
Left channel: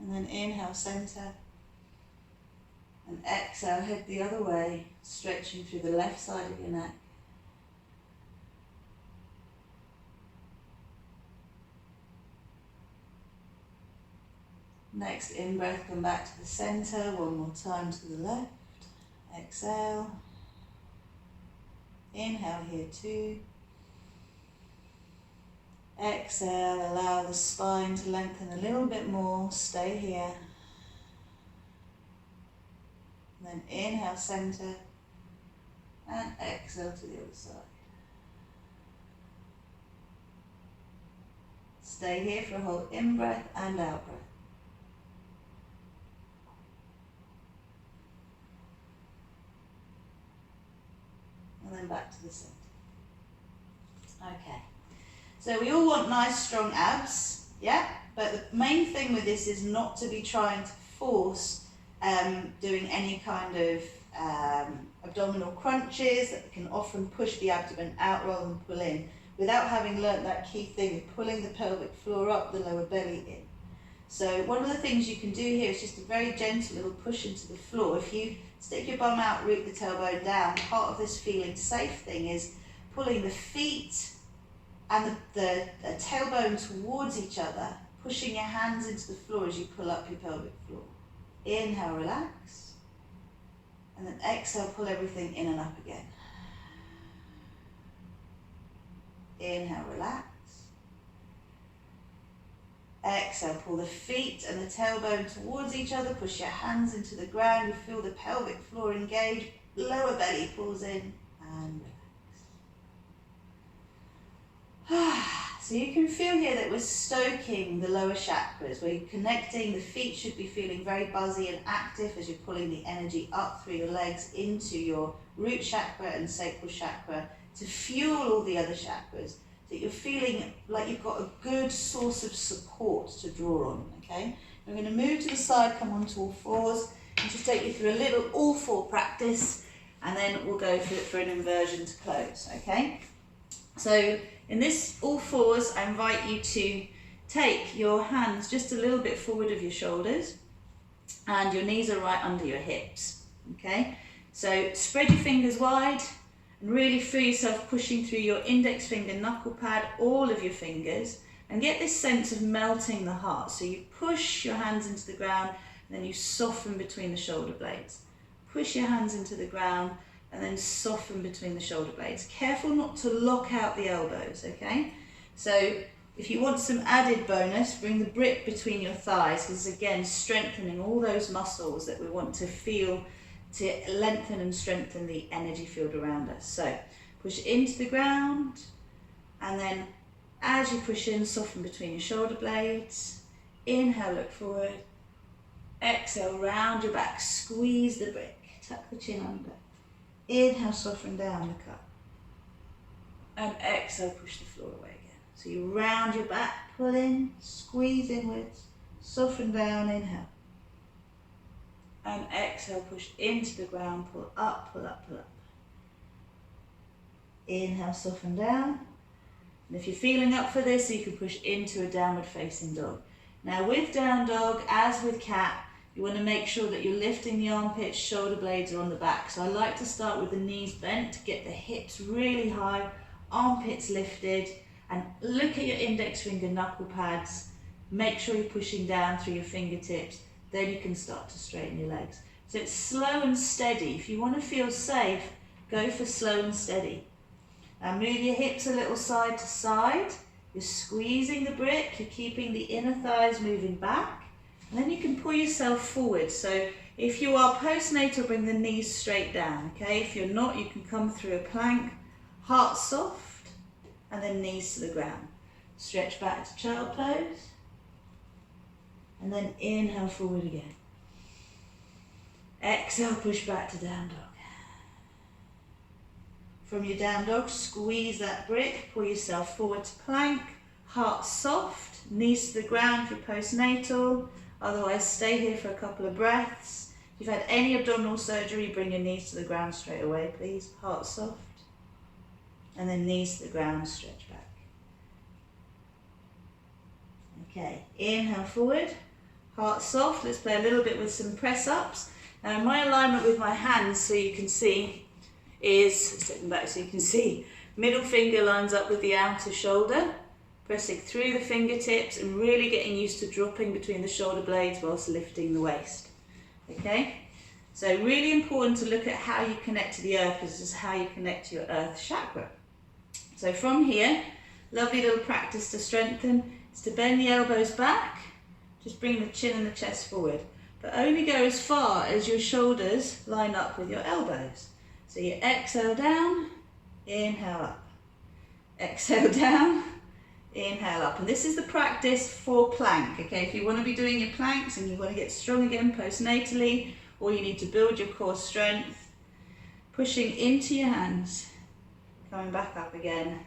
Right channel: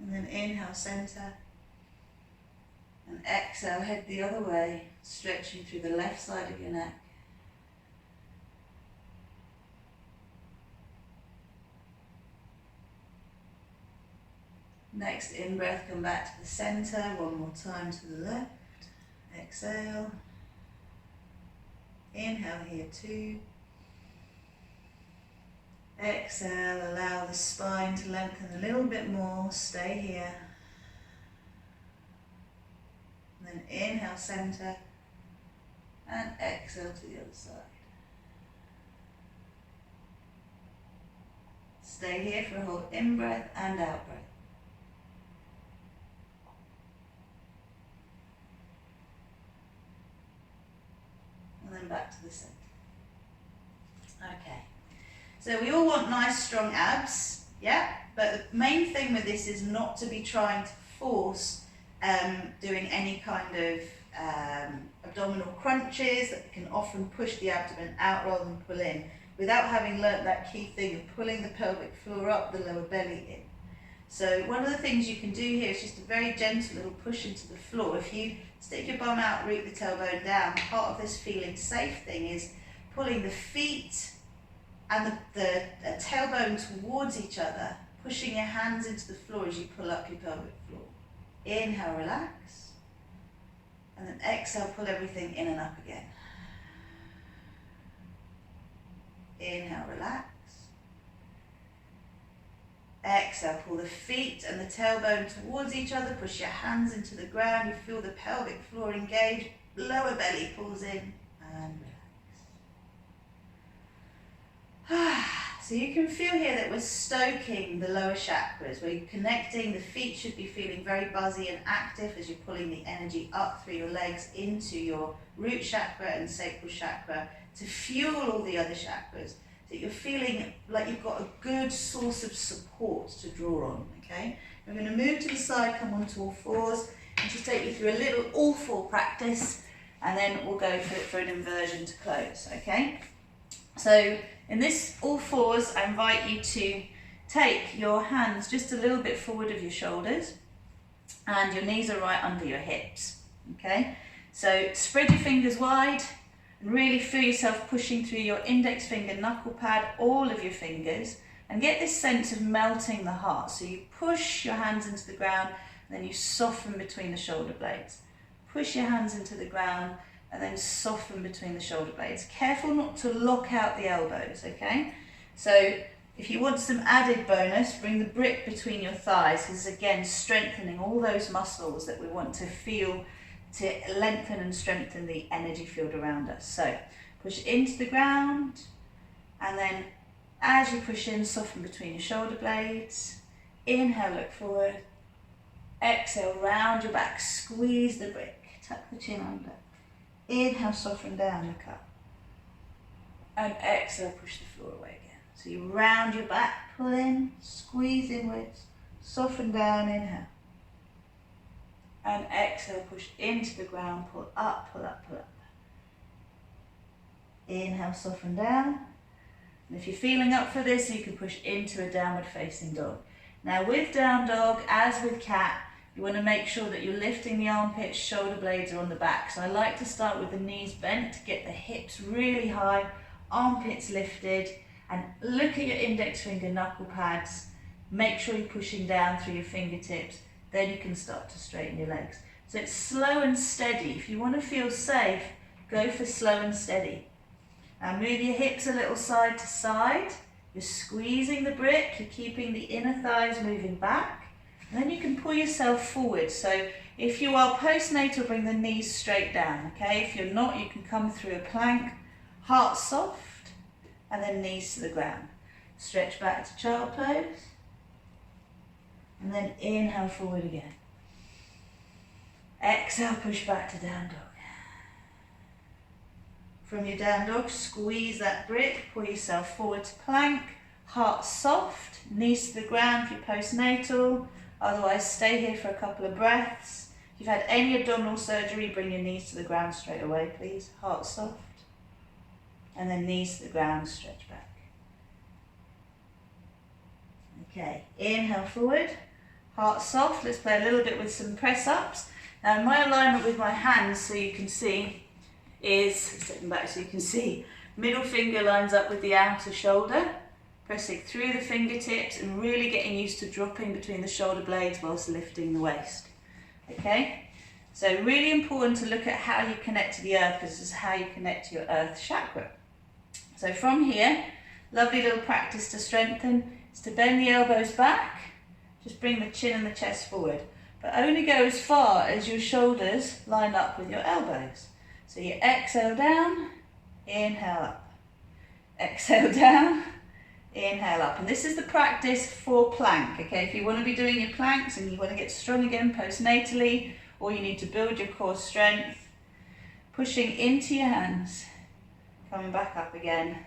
And then inhale, center. And exhale, head the other way, stretching through the left side of your neck. Next in-breath, come back to the center, one more time to the left. Exhale. Inhale here too. Exhale, allow the spine to lengthen a little bit more, stay here. Then inhale, center, and exhale to the other side. Stay here for a whole in-breath and out-breath. And then back to the center. Okay. So we all want nice strong abs, yeah? But the main thing with this is not to be trying to force doing any kind of abdominal crunches that can often push the abdomen out rather than pull in, without having learnt that key thing of pulling the pelvic floor up, the lower belly in. So one of the things you can do here is just a very gentle little push into the floor. If you stick your bum out, root the tailbone down, part of this feeling safe thing is pulling the feet and the tailbone towards each other, pushing your hands into the floor as you pull up your pelvic floor. Inhale, relax, and then exhale, pull everything in and up again. Inhale, relax. Exhale, pull the feet and the tailbone towards each other, push your hands into the ground, you feel the pelvic floor engage, lower belly pulls in and relax. So you can feel here that we're stoking the lower chakras. We're connecting, the feet should be feeling very buzzy and active as you're pulling the energy up through your legs into your root chakra and sacral chakra to fuel all the other chakras. So that you're feeling like you've got a good source of support to draw on, okay? We're going to move to the side, come onto all fours, and just take you through a little all four practice, and then we'll go for an inversion to close, okay? So in this all fours, I invite you to take your hands just a little bit forward of your shoulders, and your knees are right under your hips, okay? So spread your fingers wide, and really feel yourself pushing through your index finger, knuckle pad, all of your fingers, and get this sense of melting the heart. So you push your hands into the ground, and then you soften between the shoulder blades. Push your hands into the ground, and then soften between the shoulder blades. Careful not to lock out the elbows, okay? So if you want some added bonus, bring the brick between your thighs, because again, strengthening all those muscles that we want to feel to lengthen and strengthen the energy field around us. So push into the ground, and then as you push in, soften between your shoulder blades. Inhale, look forward. Exhale, round your back, squeeze the brick, tuck the chin under. Inhale, soften down, look up. And exhale, push the floor away again. So you round your back, pull in, squeeze inwards, soften down, inhale. And exhale, push into the ground, pull up, pull up, pull up. Inhale, soften down. And if you're feeling up for this, you can push into a downward facing dog. Now with down dog, as with cat, you want to make sure that you're lifting the armpits, shoulder blades are on the back. So I like to start with the knees bent to get the hips really high, armpits lifted, and look at your index finger knuckle pads. Make sure you're pushing down through your fingertips. Then you can start to straighten your legs. So it's slow and steady. If you want to feel safe, go for slow and steady. Now move your hips a little side to side. You're squeezing the brick, you're keeping the inner thighs moving back. And then you can pull yourself forward. So if you are postnatal, bring the knees straight down, okay? If you're not, you can come through a plank, heart soft, and then knees to the ground. Stretch back to child pose. And then inhale forward again. Exhale, push back to down dog. from your down dog, squeeze that brick, pull yourself forward to plank, heart soft, knees to the ground for your postnatal, otherwise stay here for a couple of breaths. If you've had any abdominal surgery, bring your knees to the ground straight away, please. Heart soft, and then knees to the ground, stretch back. Okay, inhale forward, heart soft. Let's play a little bit with some press ups. Now my alignment with my hands, so you can see, is, step them back so you can see, middle finger lines up with the outer shoulder, pressing through the fingertips and really getting used to dropping between the shoulder blades whilst lifting the waist. Okay, so really important to look at how you connect to the earth, because this is how you connect to your earth chakra. So from here, lovely little practice to strengthen is to bend the elbows back, just bring the chin and the chest forward, but only go as far as your shoulders line up with your elbows. So you exhale down, inhale up, exhale down, inhale up. And this is the practice for plank, okay? If you want to be doing your planks and you want to get strong again postnatally, or you need to build your core strength, pushing into your hands, coming back up again,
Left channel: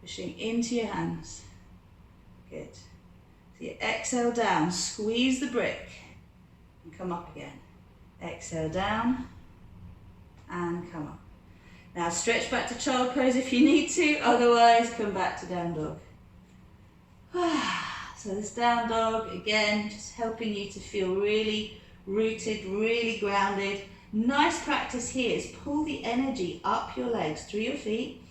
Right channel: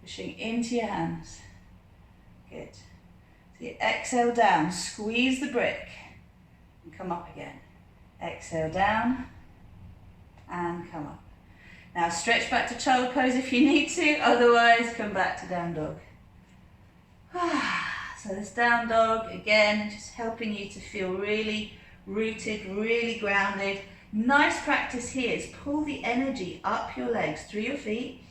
pushing into your hands. Good. So you exhale down, squeeze the brick, and come up again. Exhale down, and come up. Now stretch back to child pose if you need to, otherwise come back to down dog. So this down dog, again, just helping you to feel really rooted, really grounded. Nice practice here is pull the energy up your legs, through your feet,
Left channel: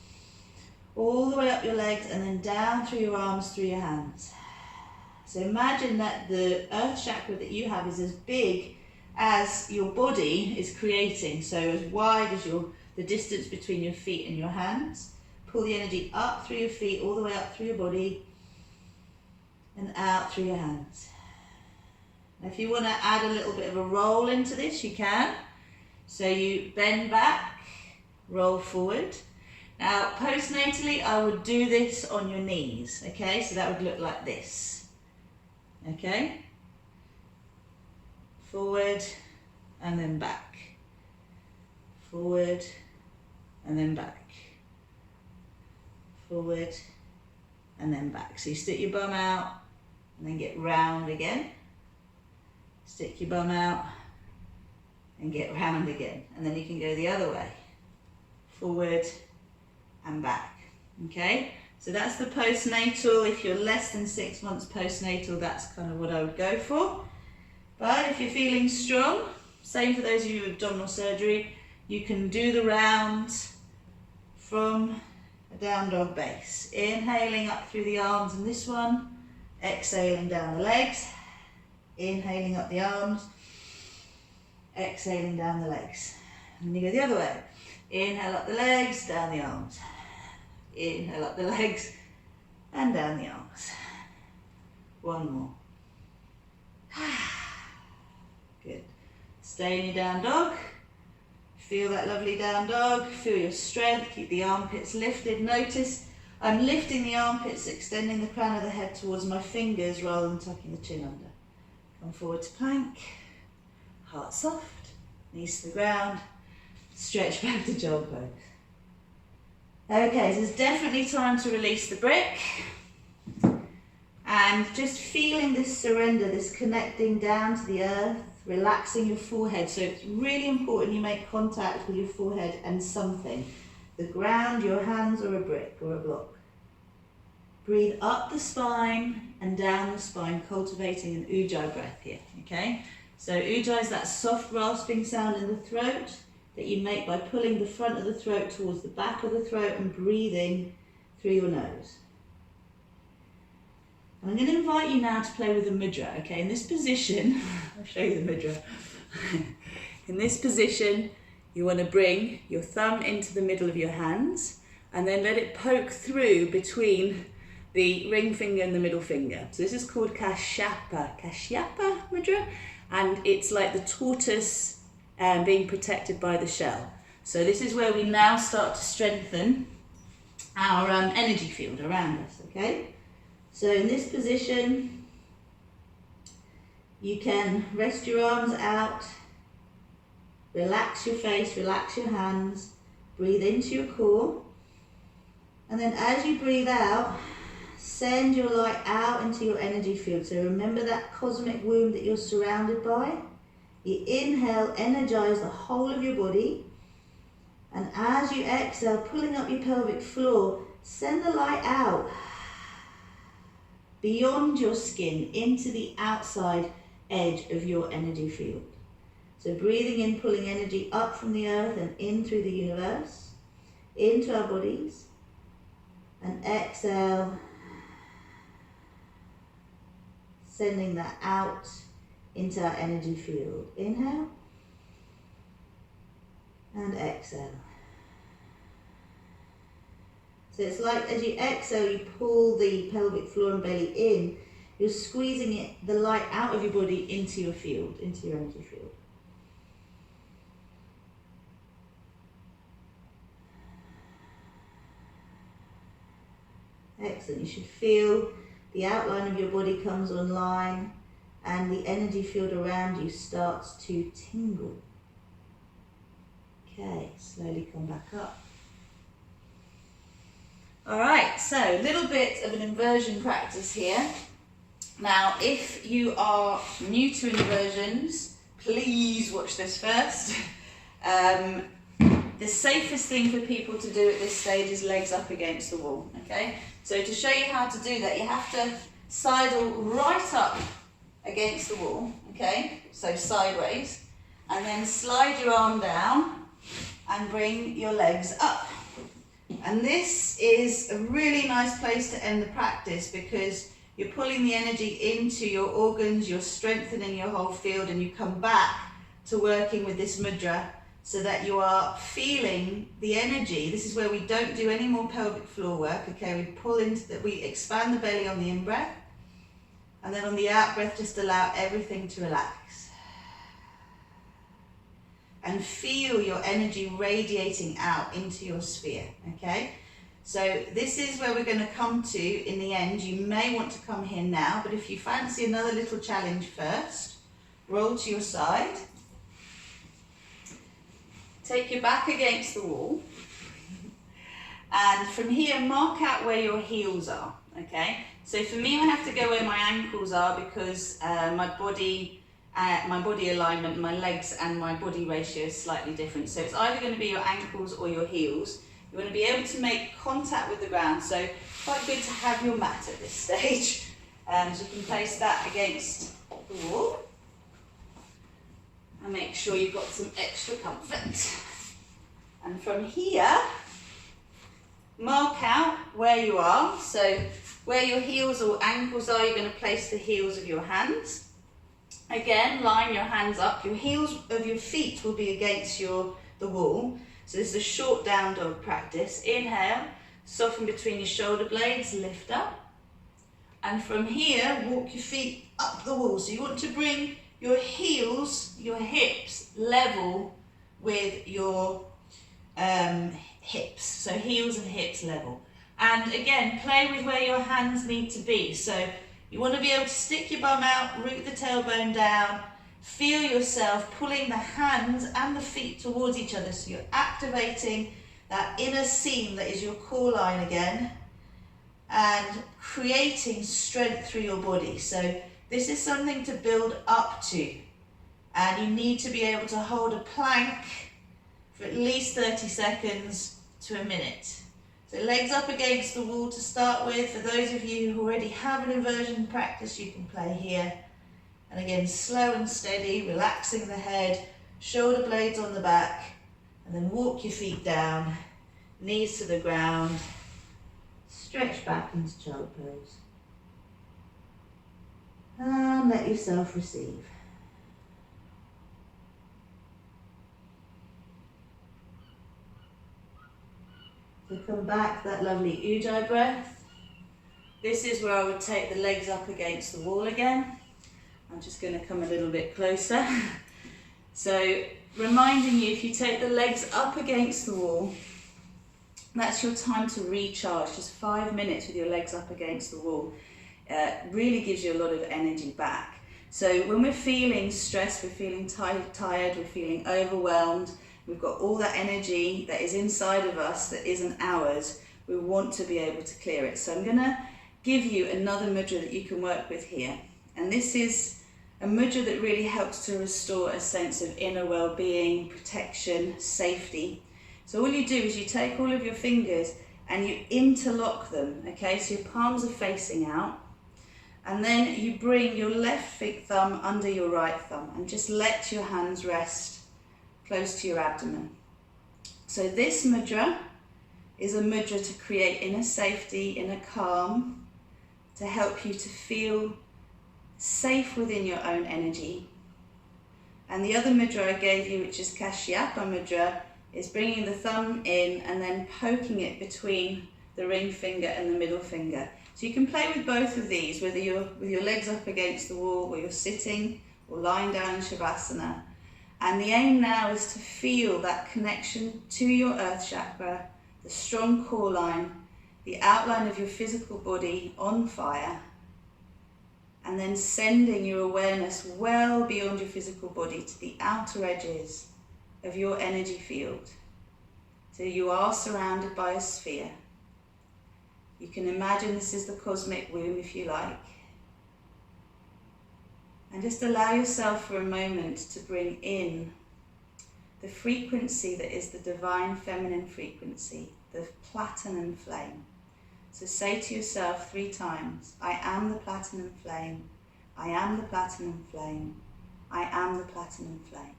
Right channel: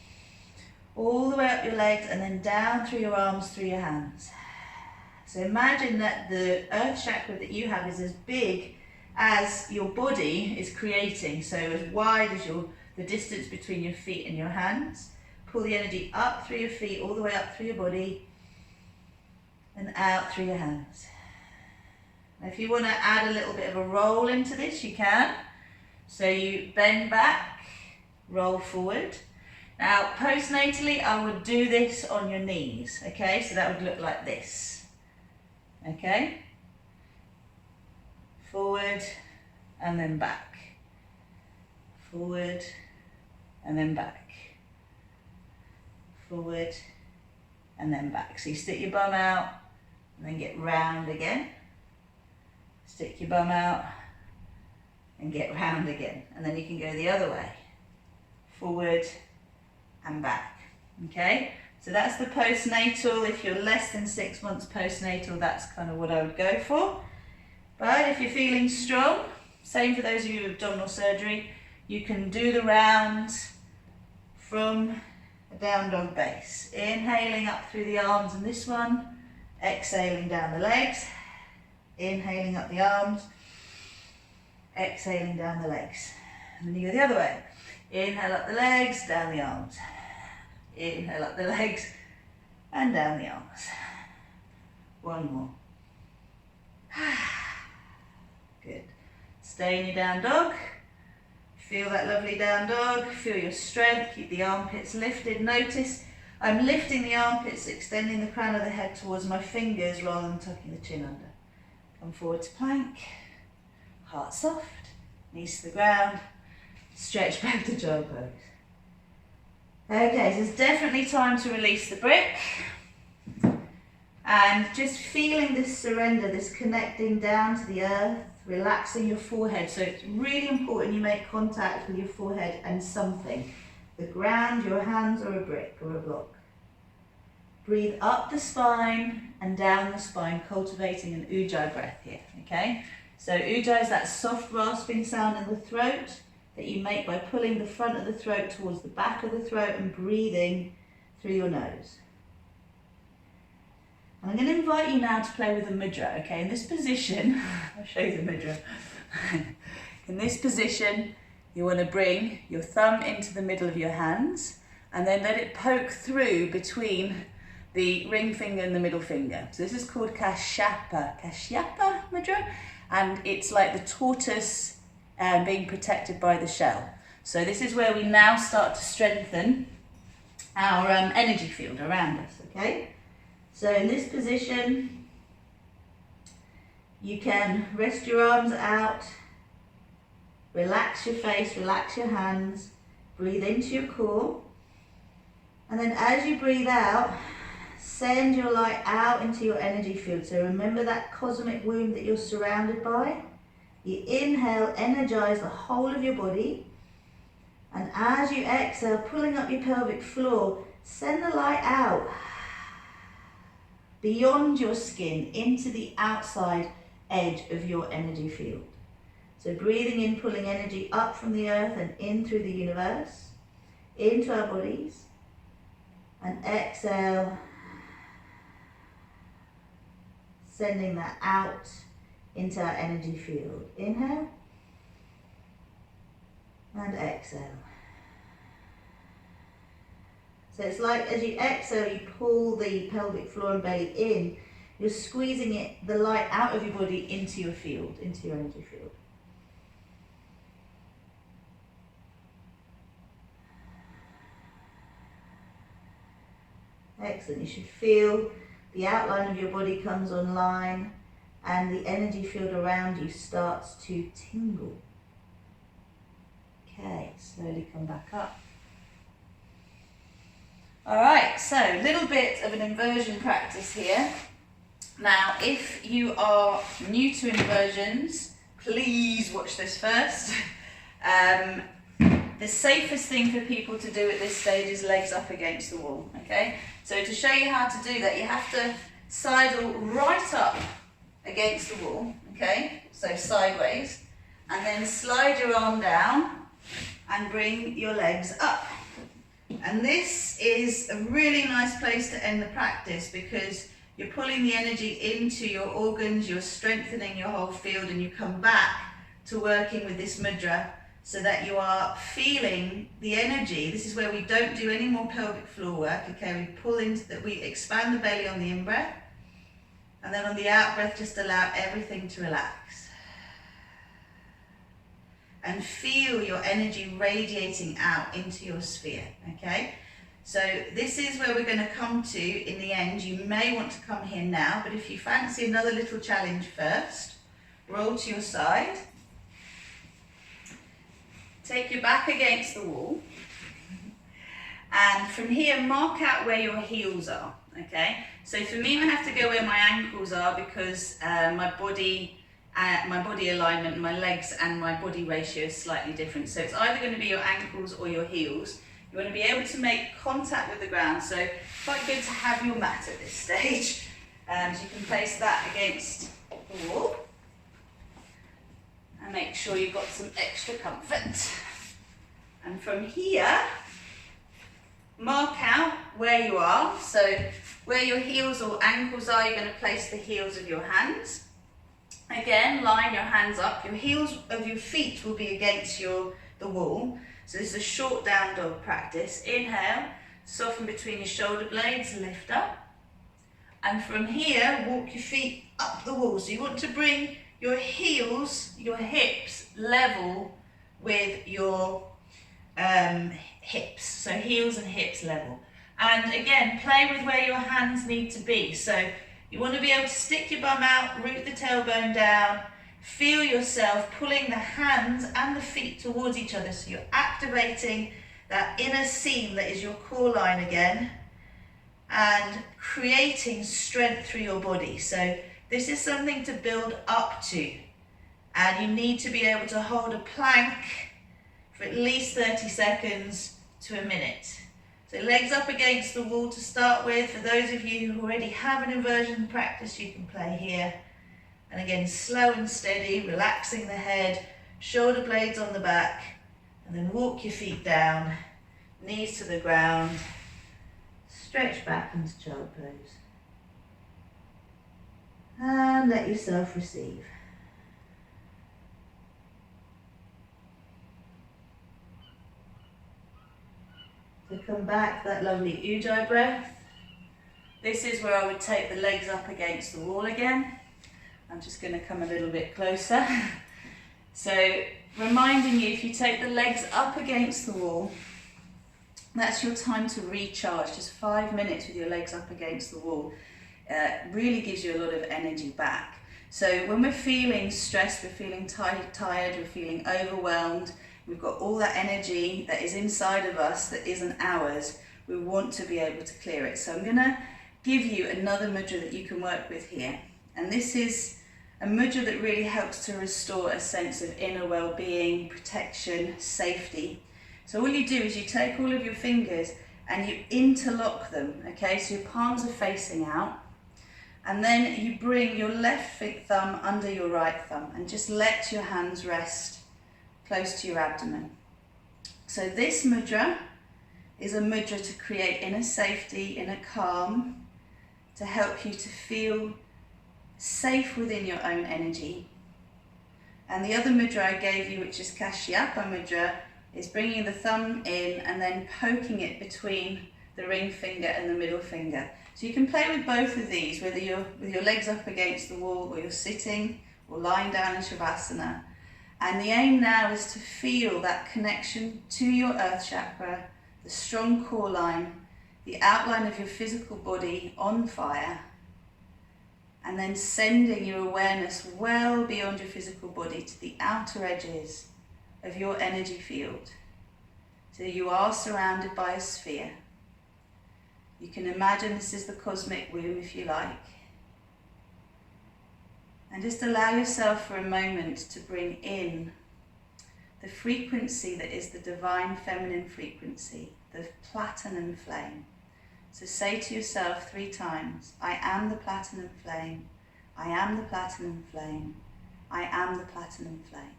all the way up your legs, and then down through your arms, through your hands. So imagine that the earth chakra that you have is as big as your body is creating, so as wide as the distance between your feet and your hands. Pull the energy up through your feet, all the way up through your body, and out through your hands. Now if you want to add a little bit of a roll into this, you can. So you bend back, roll forward. Now postnatally, I would do this on your knees, okay? So that would look like this, okay? Forward and then back, forward and then back, forward and then back. So you stick your bum out and then get round again, stick your bum out and get round again, and then you can go the other way, forward and back. Okay, so that's the postnatal. If you're less than 6 months postnatal, that's kind of what I would go for. But if you're feeling strong, same for those of you with abdominal surgery, you can do the rounds from a down dog base. Inhaling up through the arms in this one, exhaling down the legs, inhaling up the arms, exhaling down the legs. And then you go the other way. Inhale up the legs, down the arms. Inhale up the legs and down the arms. One more. Good. Stay in your down dog. Feel that lovely down dog. Feel your strength. Keep the armpits lifted. Notice I'm lifting the armpits, extending the crown of the head towards my fingers rather than tucking the chin under. Come forward to plank. Heart soft. Knees to the ground. Stretch back to child pose. Okay, so it's definitely time to release the brick. And just feeling this surrender, this connecting down to the earth, relaxing your forehead. So it's really important you make contact with your forehead and something. The ground, your hands, or a brick or a block. Breathe up the spine and down the spine, cultivating an ujjayi breath here, okay? So ujjayi is that soft rasping sound in the throat that you make by pulling the front of the throat towards the back of the throat and breathing through your nose. And I'm going to invite you now to play with the mudra, okay? In this position, I'll show you the mudra. In this position, you want to bring your thumb into the middle of your hands and then let it poke through between the ring finger and the middle finger. So this is called Kashyapa mudra, and it's like the tortoise being protected by the shell. So this is where we now start to strengthen our energy field around us, okay? So in this position, you can rest your arms out, relax your face, relax your hands, Breathe into your core. And then as you breathe out, send your light out into your energy field. So remember that cosmic womb that you're surrounded by. You inhale, energize the whole of your body. And as you exhale, pulling up your pelvic floor, send the light out beyond your skin into the outside edge of your energy field. So breathing in, pulling energy up from the earth and in through the universe, into our bodies. And exhale, sending that out into our energy field. Inhale and exhale. So it's like as you exhale, you pull the pelvic floor and belly in, you're squeezing it, the light out of your body into your field, into your energy field. Excellent. You should feel the outline of your body comes online and the energy field around you starts to tingle. Okay, slowly come back up. All right, so a little bit of an inversion practice here. Now, if you are new to inversions, please watch this first. The safest thing for people to do at this stage is legs up against the wall, okay? So to show you how to do that, you have to sidle right up against the wall, okay? So sideways, and then slide your arm down and bring your legs up. And this is a really nice place to end the practice because you're pulling the energy into your organs, you're strengthening your whole field, and you come back to working with this mudra so that you are feeling the energy. This is where we don't do any more pelvic floor work, okay? We pull into that, we expand the belly on the in-breath, and then on the out-breath, just allow everything to relax. And feel your energy radiating out into your sphere, okay? So this is where we're going to come to in the end. You may want to come here now, but if you fancy another little challenge first, roll to your side. Take your back against the wall. And from here, mark out where your heels are, okay? So for me, I have to go where my ankles are because my body alignment, my legs and my body ratio is slightly different. So it's either going to be your ankles or your heels. You want to be able to make contact with the ground. So quite good to have your mat at this stage. So you can place that against the wall. And make sure you've got some extra comfort. And from here, mark out where you are. So where your heels or ankles are, you're going to place the heels of your hands. Again, line your hands up. Your heels of your feet will be against the wall. So this is a short down dog practice. Inhale, soften between your shoulder blades, lift up. And from here, walk your feet up the wall. So you want to bring your heels, your hips level with your hips. So heels and hips level. And again, play with where your hands need to be. So you want to be able to stick your bum out, root the tailbone down, feel yourself pulling the hands and the feet towards each other. So you're activating that inner seam that is your core line again and creating strength through your body. So this is something to build up to, and you need to be able to hold a plank for at least 30 seconds to a minute. So legs up against the wall to start with. For those of you who already have an inversion practice, you can play here. And again, slow and steady, relaxing the head, shoulder blades on the back, and then walk your feet down, knees to the ground, stretch back into child pose. And let yourself receive. So come back to that lovely Ujjayi breath. This is where I would take the legs up against the wall again. I'm just going to come a little bit closer. So reminding you, if you take the legs up against the wall, that's your time to recharge. Just 5 minutes with your legs up against the wall. Really gives you a lot of energy back. So when we're feeling stressed, we're feeling tired, we're feeling overwhelmed, We've got all that energy that is inside of us that isn't ours. We want to be able to clear it. So I'm going to give you another mudra that you can work with here. And this is a mudra that really helps to restore a sense of inner well-being, protection, safety. So all you do is you take all of your fingers and you interlock them, okay? So your palms are facing out. And then you bring your left thumb under your right thumb and just let your hands rest close to your abdomen. So this mudra is a mudra to create inner safety, inner calm, to help you to feel safe within your own energy. And the other mudra I gave you, which is Kashyapa mudra, is bringing the thumb in and then poking it between the ring finger and the middle finger. So you can play with both of these, whether you're with your legs up against the wall or you're sitting or lying down in Shavasana. And the aim now is to feel that connection to your earth chakra, the strong core line, the outline of your physical body on fire, and then sending your awareness well beyond your physical body to the outer edges of your energy field. So you are surrounded by a sphere. You can imagine this is the cosmic womb if you like. And just allow yourself for a moment to bring in the frequency that is the divine feminine frequency, the platinum flame. So say to yourself 3 times, I am the platinum flame, I am the platinum flame, I am the platinum flame.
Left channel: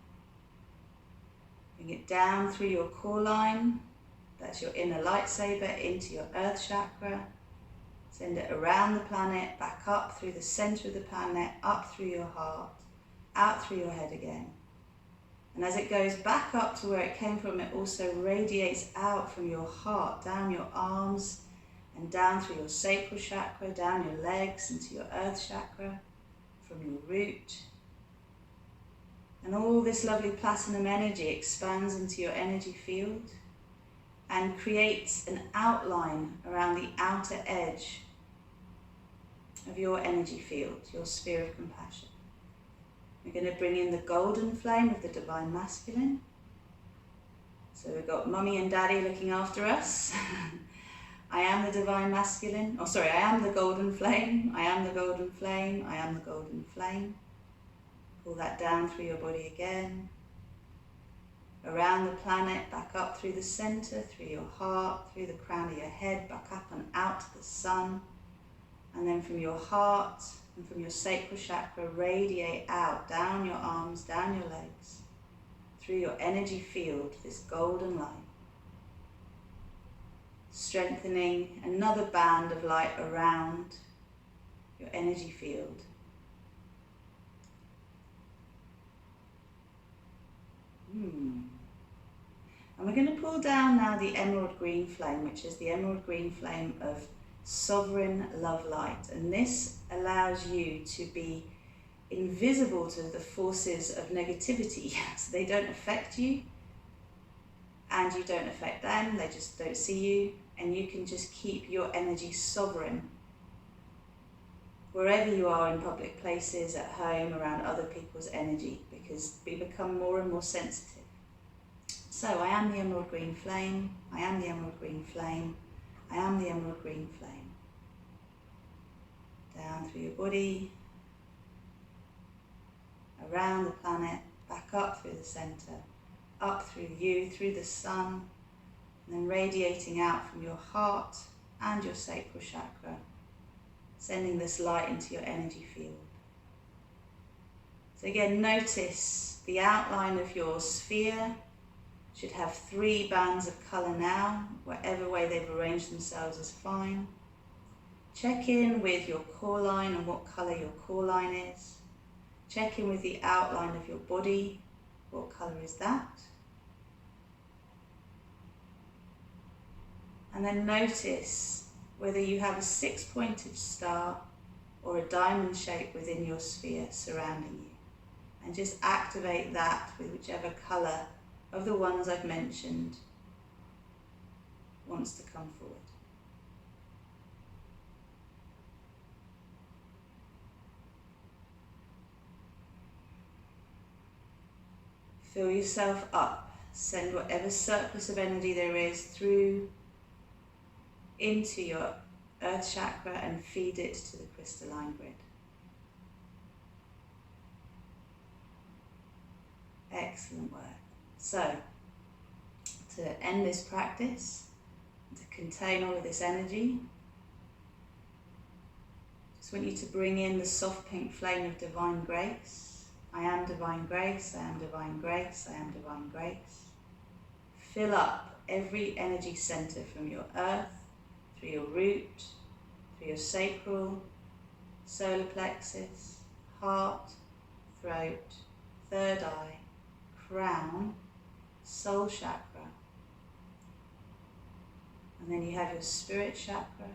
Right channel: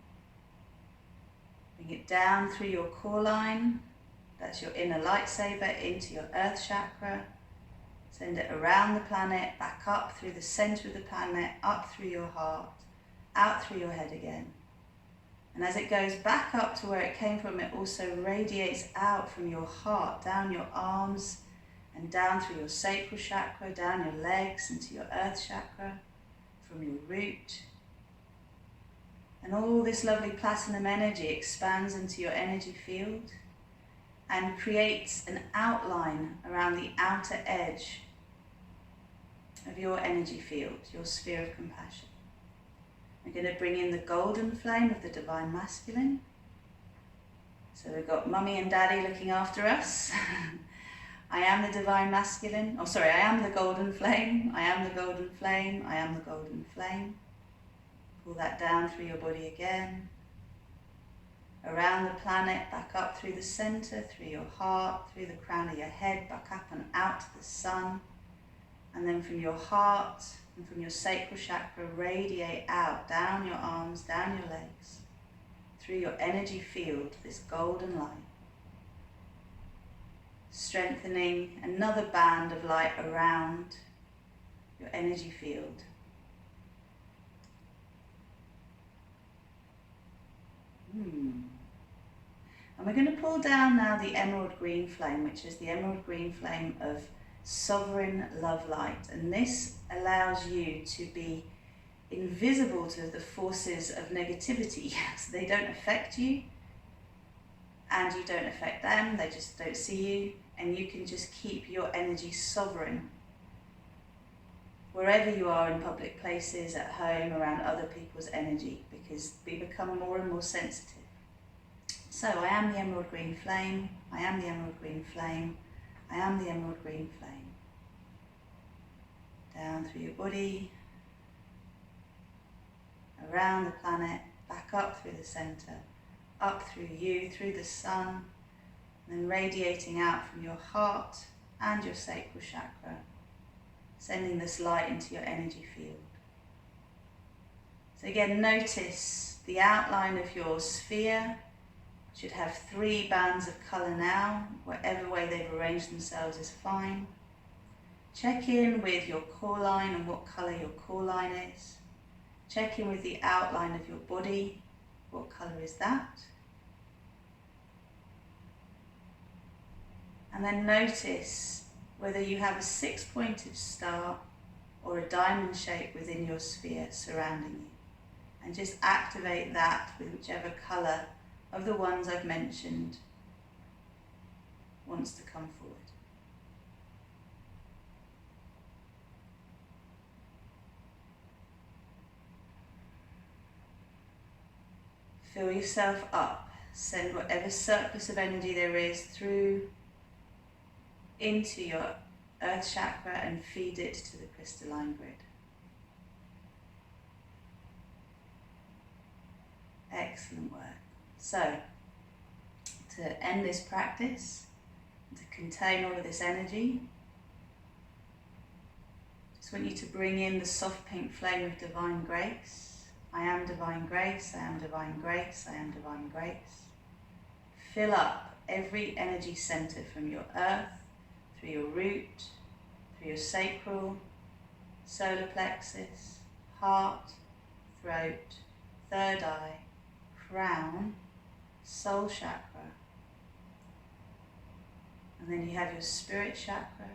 Bring it down through your core line, that's your inner lightsaber, into your earth chakra. Send it around the planet, back up through the center of the planet, up through your heart, out through your head again. And as it goes back up to where it came from, it also radiates out from your heart, down your arms, and down through your sacral chakra, down your legs, into your earth chakra, from your root. And all this lovely platinum energy expands into your energy field and creates an outline around the outer edge of your energy field, your sphere of compassion. We're going to bring in the golden flame of the divine masculine. So we've got mummy and daddy looking after us. I am the divine masculine. I am the golden flame. I am the golden flame. I am the golden flame. Pull that down through your body again. Around the planet, back up through the center, through your heart, through the crown of your head, back up and out to the sun. And then from your heart and from your sacral chakra, radiate out, down your arms, down your legs, through your energy field, this golden light. Strengthening another band of light around your energy field. And we're going to pull down now the emerald green flame, which is the emerald green flame of sovereign love light. And this allows you to be invisible to the forces of negativity. So they don't affect you and you don't affect them, they just don't see you, and you can just keep your energy sovereign wherever you are, in public places, at home, around other people's energy, because we become more and more sensitive. So I am the emerald green flame, I am the emerald green flame, I am the emerald green flame. Down through your body, around the planet, back up through the center, up through you, through the sun, and then radiating out from your heart and your sacral chakra, sending this light into your energy field. So again, notice the outline of your sphere should have 3 bands of colour now. Whatever way they've arranged themselves is fine. Check in with your core line and what colour your core line is. Check in with the outline of your body. What colour is that? And then notice whether you have a 6-pointed star or a diamond shape within your sphere surrounding you. And just activate that with whichever colour of the ones I've mentioned wants to come forward. Fill yourself up. Send whatever surplus of energy there is through into your earth chakra and feed it to the crystalline grid. Excellent work. So, to end this practice, to contain all of this energy, just want you to bring in the soft pink flame of divine grace. I am divine grace, I am divine grace, I am divine grace. Fill up every energy center from your earth, through your root, through your sacral, solar plexus, heart, throat, third eye, crown, soul chakra. And then you have your spirit chakra.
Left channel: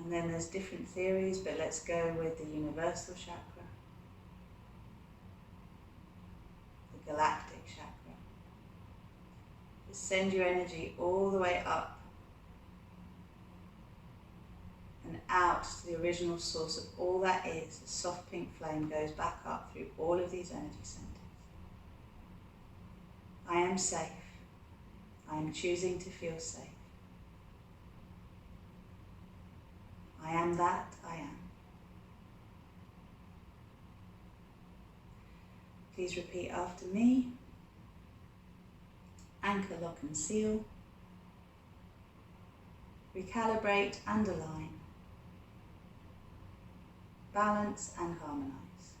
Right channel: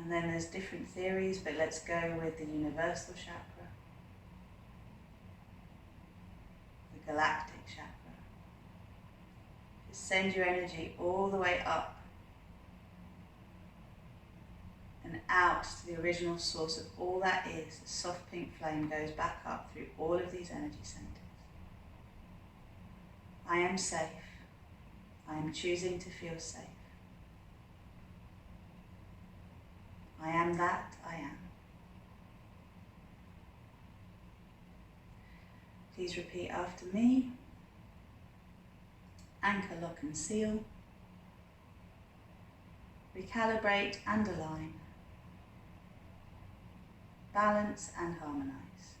And then there's different theories, but let's go with the universal chakra, the galactic chakra. Just send your energy all the way up and out to the original source of all that is. The soft pink flame goes back up through all of these energy centers. I am safe. I am choosing to feel safe. I am that I am. Please repeat after me. Anchor, lock and seal. Recalibrate and align. Balance and harmonize.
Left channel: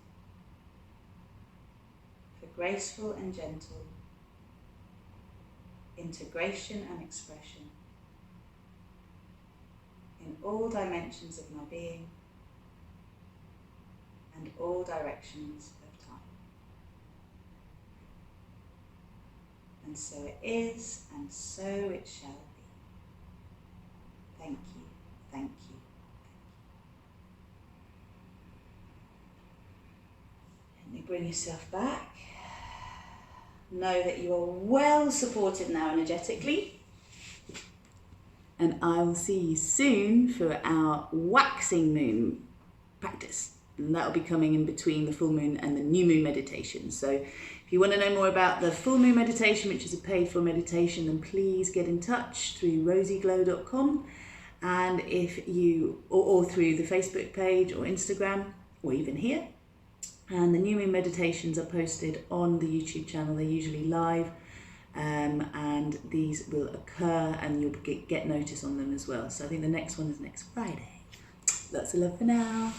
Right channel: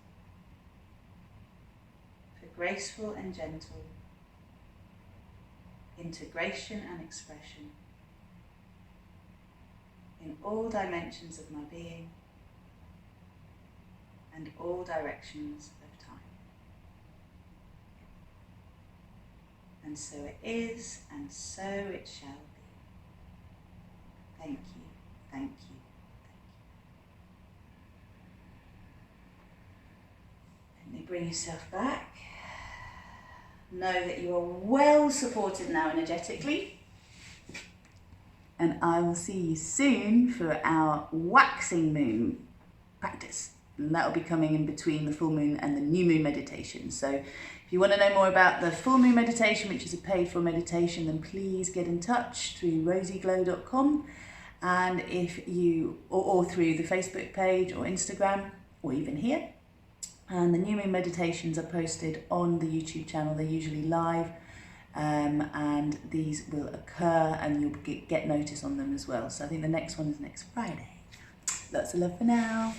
For graceful and gentle integration and expression in all dimensions of my being and all directions of time. And so it is, and so it shall be. Thank you, thank you, thank you. Let me bring yourself back. Know that you are well supported now energetically. And I will see you soon for our waxing moon practice. And that will be coming in between the full moon and the new moon meditation. So if you want to know more about the full moon meditation, which is a paid for meditation, then please get in touch through RozyGlow.com. And if you, or through the Facebook page or Instagram, or even here. And the new moon meditations are posted on the YouTube channel. They're usually live. And these will occur and you'll get notice on them as well. So I think the next one is next Friday. Lots of love for now.